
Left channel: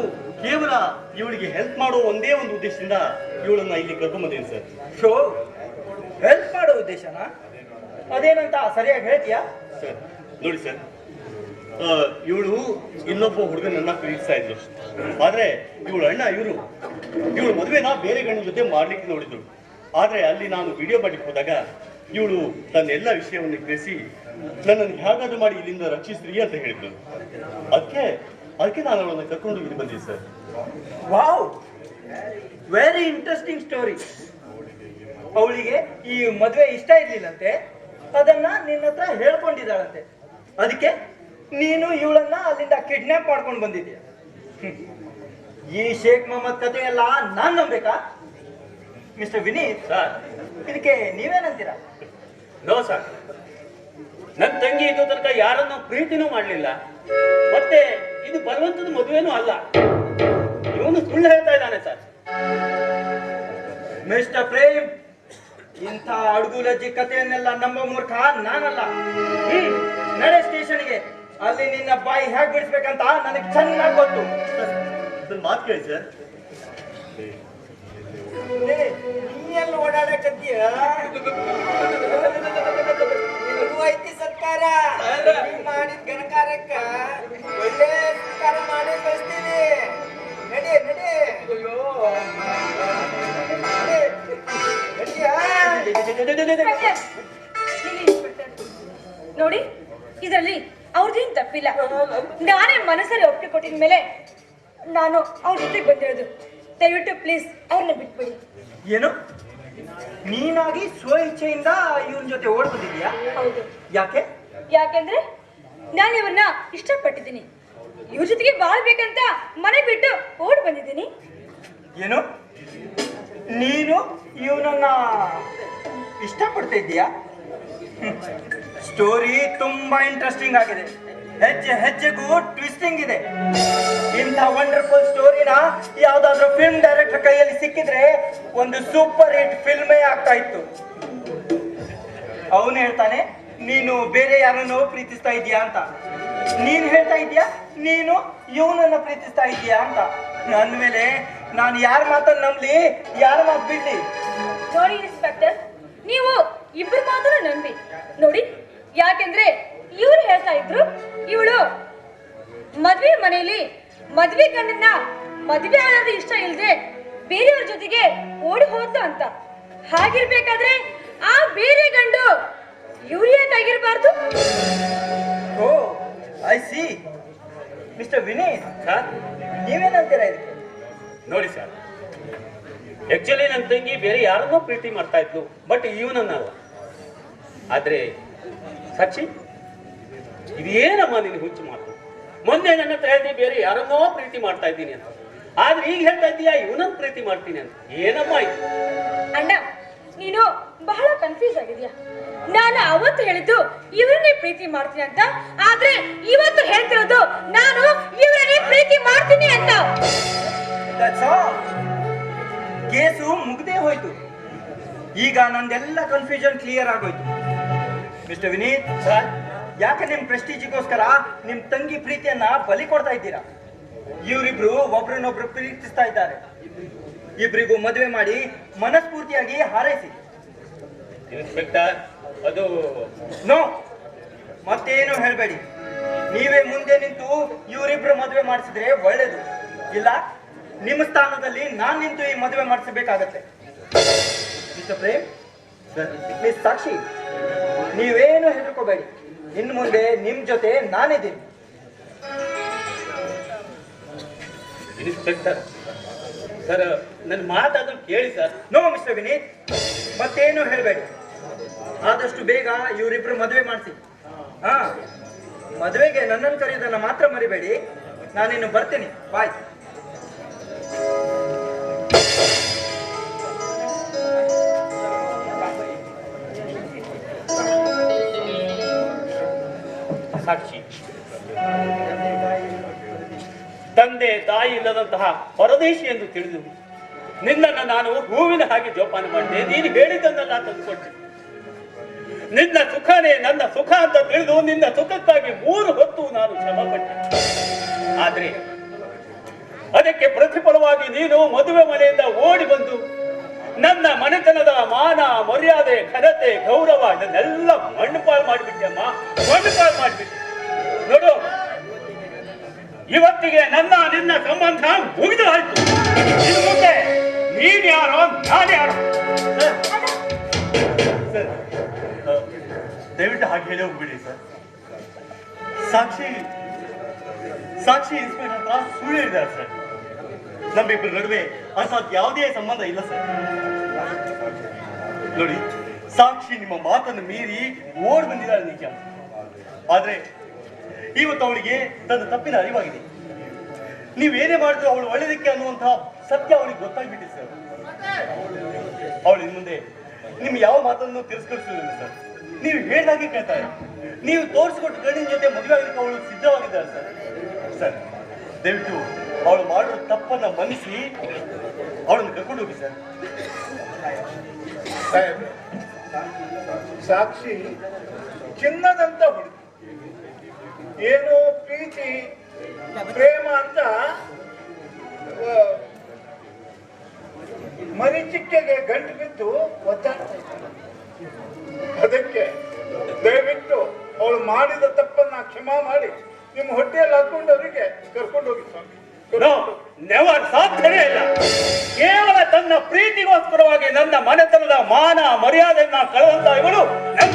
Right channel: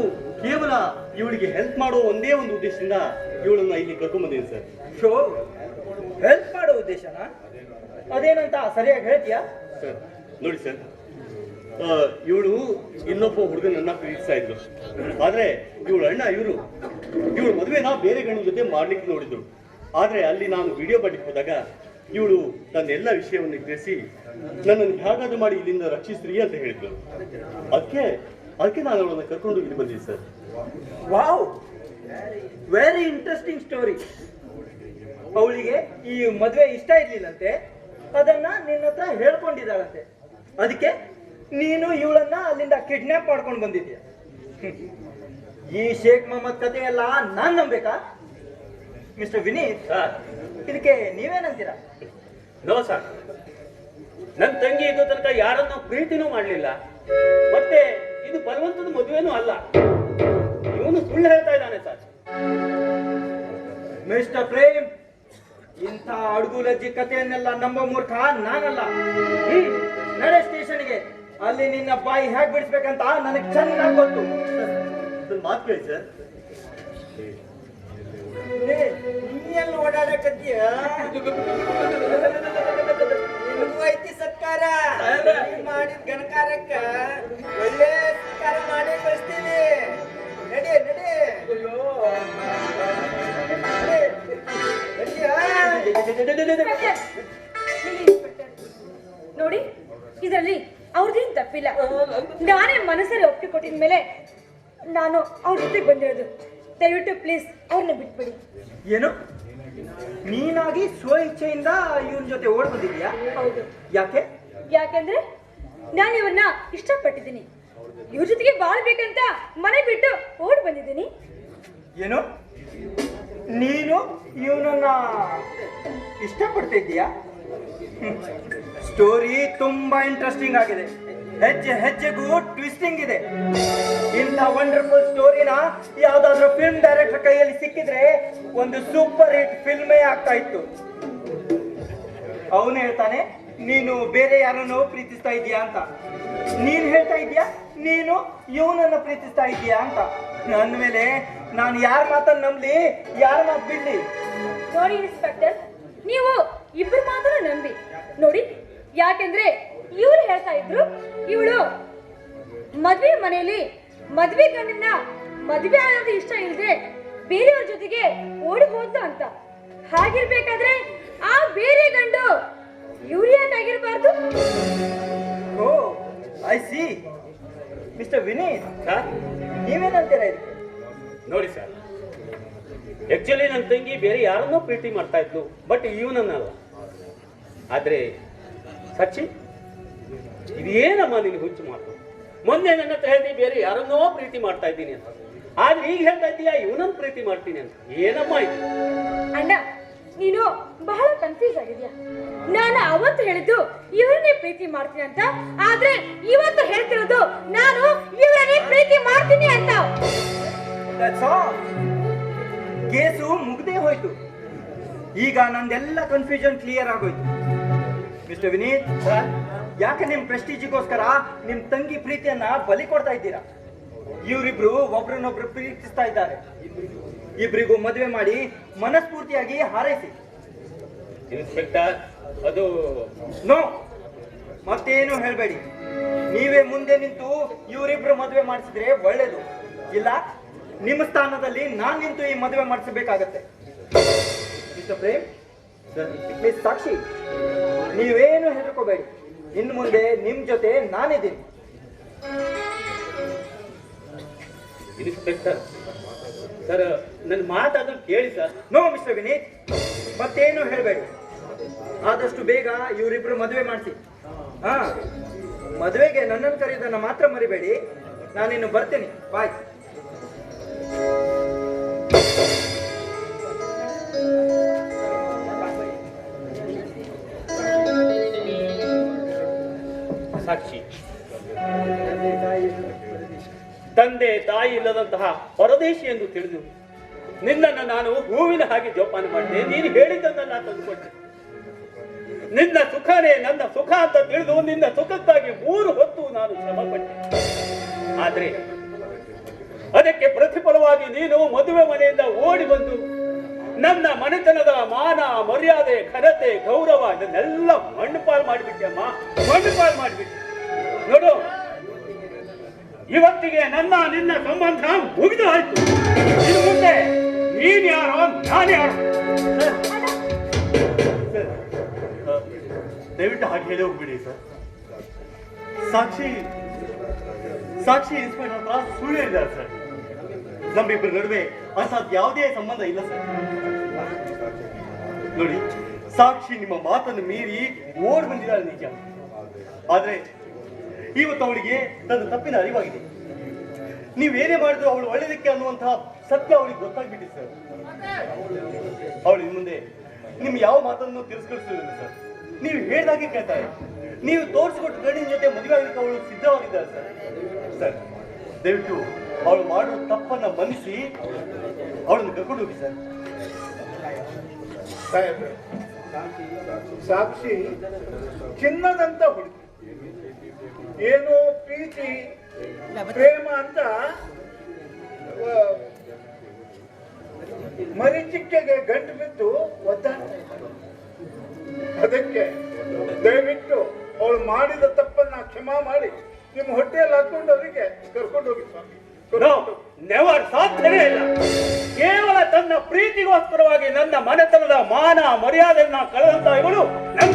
ಕೇವಲ ಇವಳಿಗೆ ಹೆಲ್ಪ್ ಮಾಡೋ ಒಂದೇ ಒಂದು ಉದ್ದೇಶದಿಂದ ಇವಳನ್ನ ಇಲ್ಲಿ ಕರ್ಕೊಂಡ್ಬಂದಿದ್ದೀನಿ ಸರ್. ಶೋ, ಹೆಲ್ಪ್ ಮಾಡೋ ಉದ್ದೇಶನಾ? ಅದೇನಂತ ಸರಿಯಾಗಿ ಹೇಳ್ತೀಯಾ? ಸರ್ ನೋಡಿ ಸರ್, ಇವಳು ಇನ್ನೊಬ್ಬ ಹುಡುಗನನ್ನ ಪ್ರೀತಿಸ್ತಾ ಇದ್ರು. ಆದ್ರೆ ಇವಳ ಅಣ್ಣ ಇವಳು ಮದುವೆನ ಬೇರೆ ಗಂಡನ ಜೊತೆ ಮಾಡ್ಲಿಕ್ಕೆ ನೋಡಿದ್ರು. ಆದ್ರೆ ಅಲ್ಲಿ ನಾನು ವಿಡಿಯೋ ಮಾಡ್ಲಿಕ್ಕೆ ಹೋದಾಗ ಇವಳು ತನ್ನೆಲ್ಲ ವಿಷಯವನ್ನು ಗ್ರಹಿಸಿ ನನ್ನನ್ನು ಹೇಗಾದ್ರೂ ಮಾಡಿ ಇಲ್ಲಿಂದ ರಕ್ಷಿಸ್ರಿ ಅಂತ ಹೇಳಿದ್ರು. ಅದಕ್ಕೆ ನಾನು ಅವಳನ್ನು ಕರ್ಕೊಂಡು ಇಲ್ಲಿ ಬಂದಿದ್ದೆ sir. Wow, very interesting story. ಅವಳಿಗೆ ಈ ಮದುವೆ ಇಷ್ಟ ಇರ್ಲಿಲ್ಲಂತೆ, ಅದನ್ನ ನಿನ್ನ ಹತ್ರ ಹೇಳ್ಕೊಂಡಿದ್ದಾಳಂತೆ. ಅದಕ್ಕೆ ನೀನು ಇವಳನ್ನ ಅಲ್ಲಿಂದ ಕಿಡ್ನಾಪ್ ಮಾಡ್ಕೊಂಡು ಬಂದಿದ್ಯಾ. ಈ ಶೇಖ್ ಮೊಹಮ್ಮದ್ ಕಥೆ ಎಲ್ಲ ನಾನ್ ನಂಬೇಕಾ? ಮಿಸ್ಟರ್ ವಿನೀತ್, ಇದಕ್ಕೆ ನೀವೇನಂತೀರಾ? ನೋ ಸರ್, ನನ್ನ ತಂಗಿ ಇದು ತನಕ ಯಾರನ್ನೂ ಪ್ರೀತಿನೂ ಮಾಡಲಿಲ್ಲ, ಮತ್ತೆ ಇದು ಬಲವಂತದ ಮದುವೆನೂ ಅಲ್ಲ. ಇವನು ಸುಳ್ಳು ಹೇಳ್ತಾ ಇದ್ದಾನೆ ಸರ್. ಮಿಸ್ಟರ್ ಪ್ರೇಮ್, ಇಂಥ ಅಡುಗುಲಜ್ಜಿ ಕಥೆಯನ್ನೆಲ್ಲ ನಂಬೋ ಮೂರ್ಖ ನಾನಲ್ಲ. ನಡೆ ಸ್ಟೇಷನ್ಗೆ. ಅಲ್ಲಿ ನಿನ್ನ ಬಾಯಿ ಹೇಗೆ ಬಿಡಿಸ್ಬೇಕಂತ ನನಗೆ ಚೆನ್ನಾಗಿ ಗೊತ್ತು. ನನ್ನ ಮಾತು ಕೇಳಿ ಸರ್. ನೀನು ಓಡಾಡಕತ್ತೀಯ? ಐತಿ ಸರ್ಕಾರ ಮಾಡಿದ ಗಣಕಾರಕ್ಕ ಒಳ್ಳೆ ಸರ್ಕಾರ ಮಾಡಿ ಕಳಿಸ್ತೀವಿ. ನಡಿ ನಡಿ. ನೋಡಿ, ಇದರಲ್ಲಿ ಅವ್ರದ್ದೇನು ತಪ್ಪಿಲ್ಲ. ನಾನೇ ಮನಸ್ಸಲ್ಲಿ ಒಪ್ಪಿಗೆ ಕೊಟ್ಟಿದ ಮೇಲೆ ನಾನು ಅವ್ರ ಜೊತೆಗೆ ಬಂದಿರೋದು. ದಯವಿಟ್ಟು ಪ್ಲೀಸ್ ಅವ್ರನ್ನ ಬಿಟ್ಬಿಡಿ. ಏನು, ನೀನಾಗಿ ಸ್ವ ಇಚ್ಛೆಯಿಂದ ಇವನ್ ಜೊತೆ ಓಡ್ ಬಂದಿದ್ಯಾ? ಹೌದು. ಯಾಕೆಂದ್ರೆ ನಾನು ಇವ್ರನ್ನ ಇಷ್ಟಪಟ್ಟಿದ್ದೀನಿ. ಇವ್ರ ಜೊತೆಗೆ ಬಾಳ್ಬೇಕಂತ ಮನೆ ಬಿಟ್ಟು ಓಡ್ ಬಂದಿದ್ದೀನಿ. ಏನು, ನೀನು ಇವನನ್ನ ಇಷ್ಟಪಡ್ತಾ ಇದ್ದೀಯಾ? ಸ್ಟೋರಿ ತುಂಬಾ ಇಂಟ್ರೆಸ್ಟಿಂಗ್ ಆಗಿದೆ. ಹೆಜ್ಜೆ ಹೆಜ್ಜೆಗೂ ಟ್ವಿಸ್ಟಿಂಗ್ ಇದೆ. ಇಂಥ ವಂಡರ್ಫುಲ್ ಸ್ಟೋರಿನ ಯಾವ್ದಾದ್ರು ಫಿಲ್ಮ್ ಡೈರೆಕ್ಟರ್ ಕೈಯಲ್ಲಿ ಸಿಕ್ಕಿದ್ರೆ ಒಂದು ಸೂಪರ್ ಹಿಟ್ ಫಿಲ್ಮೇ ಆಗ್ತಾ ಇತ್ತು. ಅವನು ಹೇಳ್ತಾನೆ ನೀನು ಬೇರೆ ಯಾರನ್ನು ಪ್ರೀತಿಸ್ತಾ ಇದೀಯಾ ಅಂತ. ನೀನ್ ಹೇಳ್ತಾ ಇದೀಯಾ ನೀನು ಇವನನ್ನ ಪ್ರೀತಿಸ್ತಾ ಇದೀಯಾ ಅಂತ. ನನ್ನ ಮೇಲೆ ನಾನು ಯಾರ ಮಾತನ್ನ ನಂಬಲಿ, ಯಾರ ಮಾತು ಬಿಡ್ಲಿ? ನೋಡಿ ಇನ್ಸ್ಪೆಕ್ಟರ್, ನೀವು ಇಬ್ರು ಮಾತ್ರ ನಂಬಿ ನೋಡಿ. ಯಾಕೆಂದ್ರೆ ಇವ್ರು ಹೇಳ್ತಾ ಇದ್ರು ಇವಳು ಮದ್ವೆ ಮನೆಯಲ್ಲಿ ಮದ್ವೆ ಗಂಡನ್ನ ಮದ್ವೆ ಆಗೋದು ಇಷ್ಟ ಇಲ್ದೆ ಬೇರೆಯವ್ರ ಜೊತೆಗೆ ಓಡಿ ಹೋದ್ಲು ಅಂತ. ಹಾಗಿರ್ಬೇಕಾದ್ರೆ ಆ ಬೇರೆ ಗಂಡು ಇವ್ರು ಯಾಕಾಗಿರ್ಬಾರ್ದು? Oh I see. Mister Vineeth sir, ನೀವೇನಂತೀರಾ ಇದಕ್ಕೆ? ನೋಡಿ ಸರ್, ಆಕ್ಚುಲಿ ನನ್ನ ತಂಗಿ ಬೇರೆ ಯಾರನ್ನೋ ಪ್ರೀತಿ ಮಾಡ್ತಾ ಇದ್ಲು, ಬಟ್ ಇವನನ್ನಲ್ಲ. ಆದ್ರೆ ಸಾಕ್ಷಿ, ಇದೇನಮ್ಮ ನಿನ್ ಹುಚ್ಚು ಮಾತು? ಮೊನ್ನೆ ನನ್ನ ಹತ್ರ ಹೇಳ್ದಿ ಬೇರೆ ಯಾರನ್ನೋ ಪ್ರೀತಿ ಮಾಡ್ತಾ ಇದ್ದೀನಿ ಅಂತ, ಆದ್ರೆ ಈಗ ಹೇಳ್ತಾ ಇದ್ದೀಯಾ ಇವನನ್ನ ಪ್ರೀತಿ ಮಾಡ್ತೀನಿ ಅಂತ. ಏನಮ್ಮ ಇದು? ಅಣ್ಣ, ನೀನು ಬಹಳ ಕನ್ಫ್ಯೂಸ್ ಆಗಿದ್ಯಾ. ನಾನು ಅವತ್ತು ಹೇಳಿದ್ದು ಇವರನ್ನೇ ಪ್ರೀತಿ ಮಾಡ್ತೀನಿ ಅಂತ, ಆದ್ರೆ ಇವತ್ತು ಹೇಳ್ತಿರೋದು ನಾನು ಇವರನ್ನೇ ಪ್ರೀತಿ ಮಾಡ್ತೀನಿ ಅಂತ. ಕೇಸು ಮುಗ್ದೇ ಹೋಯ್ತು. ಈಗ ನಂದೆಲ್ಲ ಕನ್ಫ್ಯೂಷನ್ ಕ್ಲಿಯರ್ ಆಗೋಯ್ತು. ಮಿಸ್ಟರ್ ವಿನೀತ್ ಸರ್, ಯಾಕೆ ನಿಮ್ ಪ್ರೆಸ್ಟೀಜಿಗೋಸ್ಕರ ನಿಮ್ ತಂಗಿ ಪ್ರೀತಿಯನ್ನ ಬಲಿ ಕೊಡ್ತಾ ಇದ್ದೀರಾ? ಇವರಿಬ್ರು ಒಬ್ರನ್ನೊಬ್ರು ಪ್ರೀತಿಸ್ತಾ ಇದ್ದಾರೆ. ಇಬ್ರಿಗೂ ಮದುವೆ ಮಾಡಿ ಮನಸ್ಫೂರ್ತಿಯಾಗಿ ಹಾರೈಸಿ. ಇನ್ಸ್ಪೆಕ್ಟರ್, ಅದು ನೋ, ಮತ್ತೇನು ಹೇಳ್ಬೇಡಿ. ನೀವೇ ಮುಂದೆ ನಿಂತು ಇವರಿಬ್ರು ಮದುವೆ ಮಾಡಿಸಿದ್ರೆ ಒಳ್ಳೇದು. ಇಲ್ಲ, ನಿಮ್ಮ ಸ್ಥಾನದಲ್ಲಿ ನಾನ್ ನಿಂತು ಈ ಮದುವೆ ಮಾಡಿಸಬೇಕಾಗತ್ತೆ. ಮಿಸ್ಟರ್ ಪ್ರೇಮ್, ಮಿಸ್ ಸಾಕ್ಷಿ, ನೀವೇನು ಹೆದರ್ಕೋಬೇಡಿ. ಇನ್ನು ಮುಂದೆ ನಿಮ್ ಜೊತೆ ನಾನಿದ್ದೀನಿ. ಇನ್ಸ್ಪೆಕ್ಟರ್ ಸರ್, ನನ್ನ ಮಾತಾದ್ರೂ ಕೇಳಿ ಸರ್. ನೋ ಮಿಸ್ಟರ್ ವಿನೀತ್, ಮತ್ತೇನು ಹೇಳ್ಬೇಡಿ. ಆದಷ್ಟು ಬೇಗ ಇವರಿಬ್ರು ಮದುವೆ ಮಾಡಿಸಿ. ಹಾ, ಮದುವೆಗೆ ನನ್ನನ್ನು ಕರೆಯೋದನ್ನ ಮಾತ್ರ ಮರಿಬೇಡಿ. ನಾನಿನ್ನು ಬರ್ತೀನಿ. ಬಾಯ್. ಸಾಕ್ಷಿ, ತಂದೆ ತಾಯಿ ಇಲ್ಲದಂತಹ ಪರದೇಶಿ ಎಂದು ತಿಳಿದು ನಿನ್ನನ್ನು ನಾನು ಹೂವಿನ ಹಾಗೆ ಜೋಪಾನ ಮಾಡಿದೆ. ನೀನು ಹೇಳಿದ್ದನ್ನೆಲ್ಲ ತಂದುಕೊಂಡೆ. ನಿನ್ನ ಸುಖನೇ ನನ್ನ ಸುಖ ಅಂತ ತಿಳಿದು ನಿನ್ನ ಸುಖಕ್ಕಾಗಿ 3 ಹೊತ್ತು ನಾನು ಶ್ರಮಪಟ್ಟೆ. ಆದ್ರೆ ಅದಕ್ಕೆ ಪ್ರತಿಫಲವಾಗಿ ನೀನು ಮದುವೆ ಮನೆಯಿಂದ ಓಡಿ ಬಂದು ನನ್ನ ಮನೆತನದ ಮಾನ, ಮರ್ಯಾದೆ, ಘನತೆ, ಗೌರವ ಇದನ್ನೆಲ್ಲ ಮಣ್ಣುಪಾಲು ಮಾಡಿಬಿಟ್ಟೆ ಅಮ್ಮ, ಮಣ್ಣುಪಾಲು ಮಾಡಿಬಿಟ್ಟೆ. ನೋಡು, ಇವತ್ತಿಗೆ ನನ್ನ ನಿನ್ನ ಸಂಬಂಧ ಮುಗಿದು ಆಯ್ತು. ಇನ್ನು ಮುಂದೆ ನೀನ್ ಯಾರೋ ನಾನು ಯಾರೋ. ದಯವಿಟ್ಟು ಹಾಗೆ ಹೇಳಿ ಹೋಗ್ಬಿಡಿ ಸರ್. ಸಾಕ್ಷಿ ಇನ್ಸ್ಪೆಕ್ಟರ್ ಹತ್ರ ಸುಳ್ಳು ಹೇಳಿದ್ದಾರೆ ಸರ್. ನಮ್ಮಿಬ್ಬರ ನಡುವೆ ಅಂಥದ್ದು ಯಾವುದೇ ಸಂಬಂಧ ಇಲ್ಲ ಸರ್. ನೋಡಿ, ಸಾಕ್ಷಿ ನಿಮ್ಮ ಮಾತನ್ನು ಮೀರಿ ಓಡ್ ಬಂದಿದ್ದಾಳೆ ನಿಜ. ಆದ್ರೆ ಇವತ್ತು ಅವಳಿಗೆ ತನ್ನ ತಪ್ಪಿನ ಅರಿವಾಗಿದೆ. ನೀವೇನೇ ಮಾಡಿದ್ರು ಅವಳು ಒಳ್ಳೆಯದಕ್ಕೆ ಅನ್ನುವಂತಹ ಸತ್ಯ ಅವಳಿಗೆ ಗೊತ್ತಾಗ್ಬಿಟ್ಟಿದೆ ಸರ್. ಅವಳು ಇನ್ನು ಮುಂದೆ ನಿಮ್ ಯಾವ ಮಾತನ್ನು ತಿರಸ್ಕರಿಸುವುದಿಲ್ಲ ಸರ್. ನೀವು ಹೇಳಿದಾಗೆ ಕೇಳ್ತಾರೆ. ನೀವು ತೋರಿಸ್ಕೊಟ್ಟು ಗಂಡಿನ ಜೊತೆ ಮದುವೆ ಆಗಲಿಕ್ಕೆ ಅವಳು ಸಿದ್ಧವಾಗಿದ್ದಾರೆ ಸರ್. ಸರ್, ದಯವಿಟ್ಟು ಅವಳು ಮಾಡುವ ತಪ್ಪನ್ನ ಮನ್ನಿಸಿ ಅವಳನ್ನು ಕರ್ಕೊಂಡು ಹೋಗಿ ಸರ್. ಸಾಕ್ಷಿ ಚಿನ್ನದಂತ ಹುಡುಗಿ, ಏನೋ ಪ್ರೀತಿ ಪ್ರೇಮ ಅಂತ ಮರಿಚಿಕ್ಕೆಗೆ ಗಂಟು ಬಿದ್ದು ಒದ್ದಾಡ. ಅದಕ್ಕೆ ದಯವಿಟ್ಟು ಅವಳು ಮಾಡಿದ ತಪ್ಪನ್ನ ಕ್ಷಮಾ ಮಾಡಿ ನಿಮ್ಮ ಹೊಟ್ಟೆಯಲ್ಲಿ ಹಾಕೊಂಡು ಅವರಿಗೆ ಕರ್ಕೊಂಡು ಹೋಗಿ ಸ್ವಾಮಿ. ನೆವರ್, ಸಾಧ್ಯನೇ ಇಲ್ಲ. ಕೇವಲ ತನ್ನ ಪ್ರೀತಿಗೋಸ್ಕರವಾಗಿ ನನ್ನ ಮನೆತನದ ಮಾನ ಮರ್ಯಾದೆಯನ್ನ ಕಳೆದಂತ ಇವಳು ನನ್ನ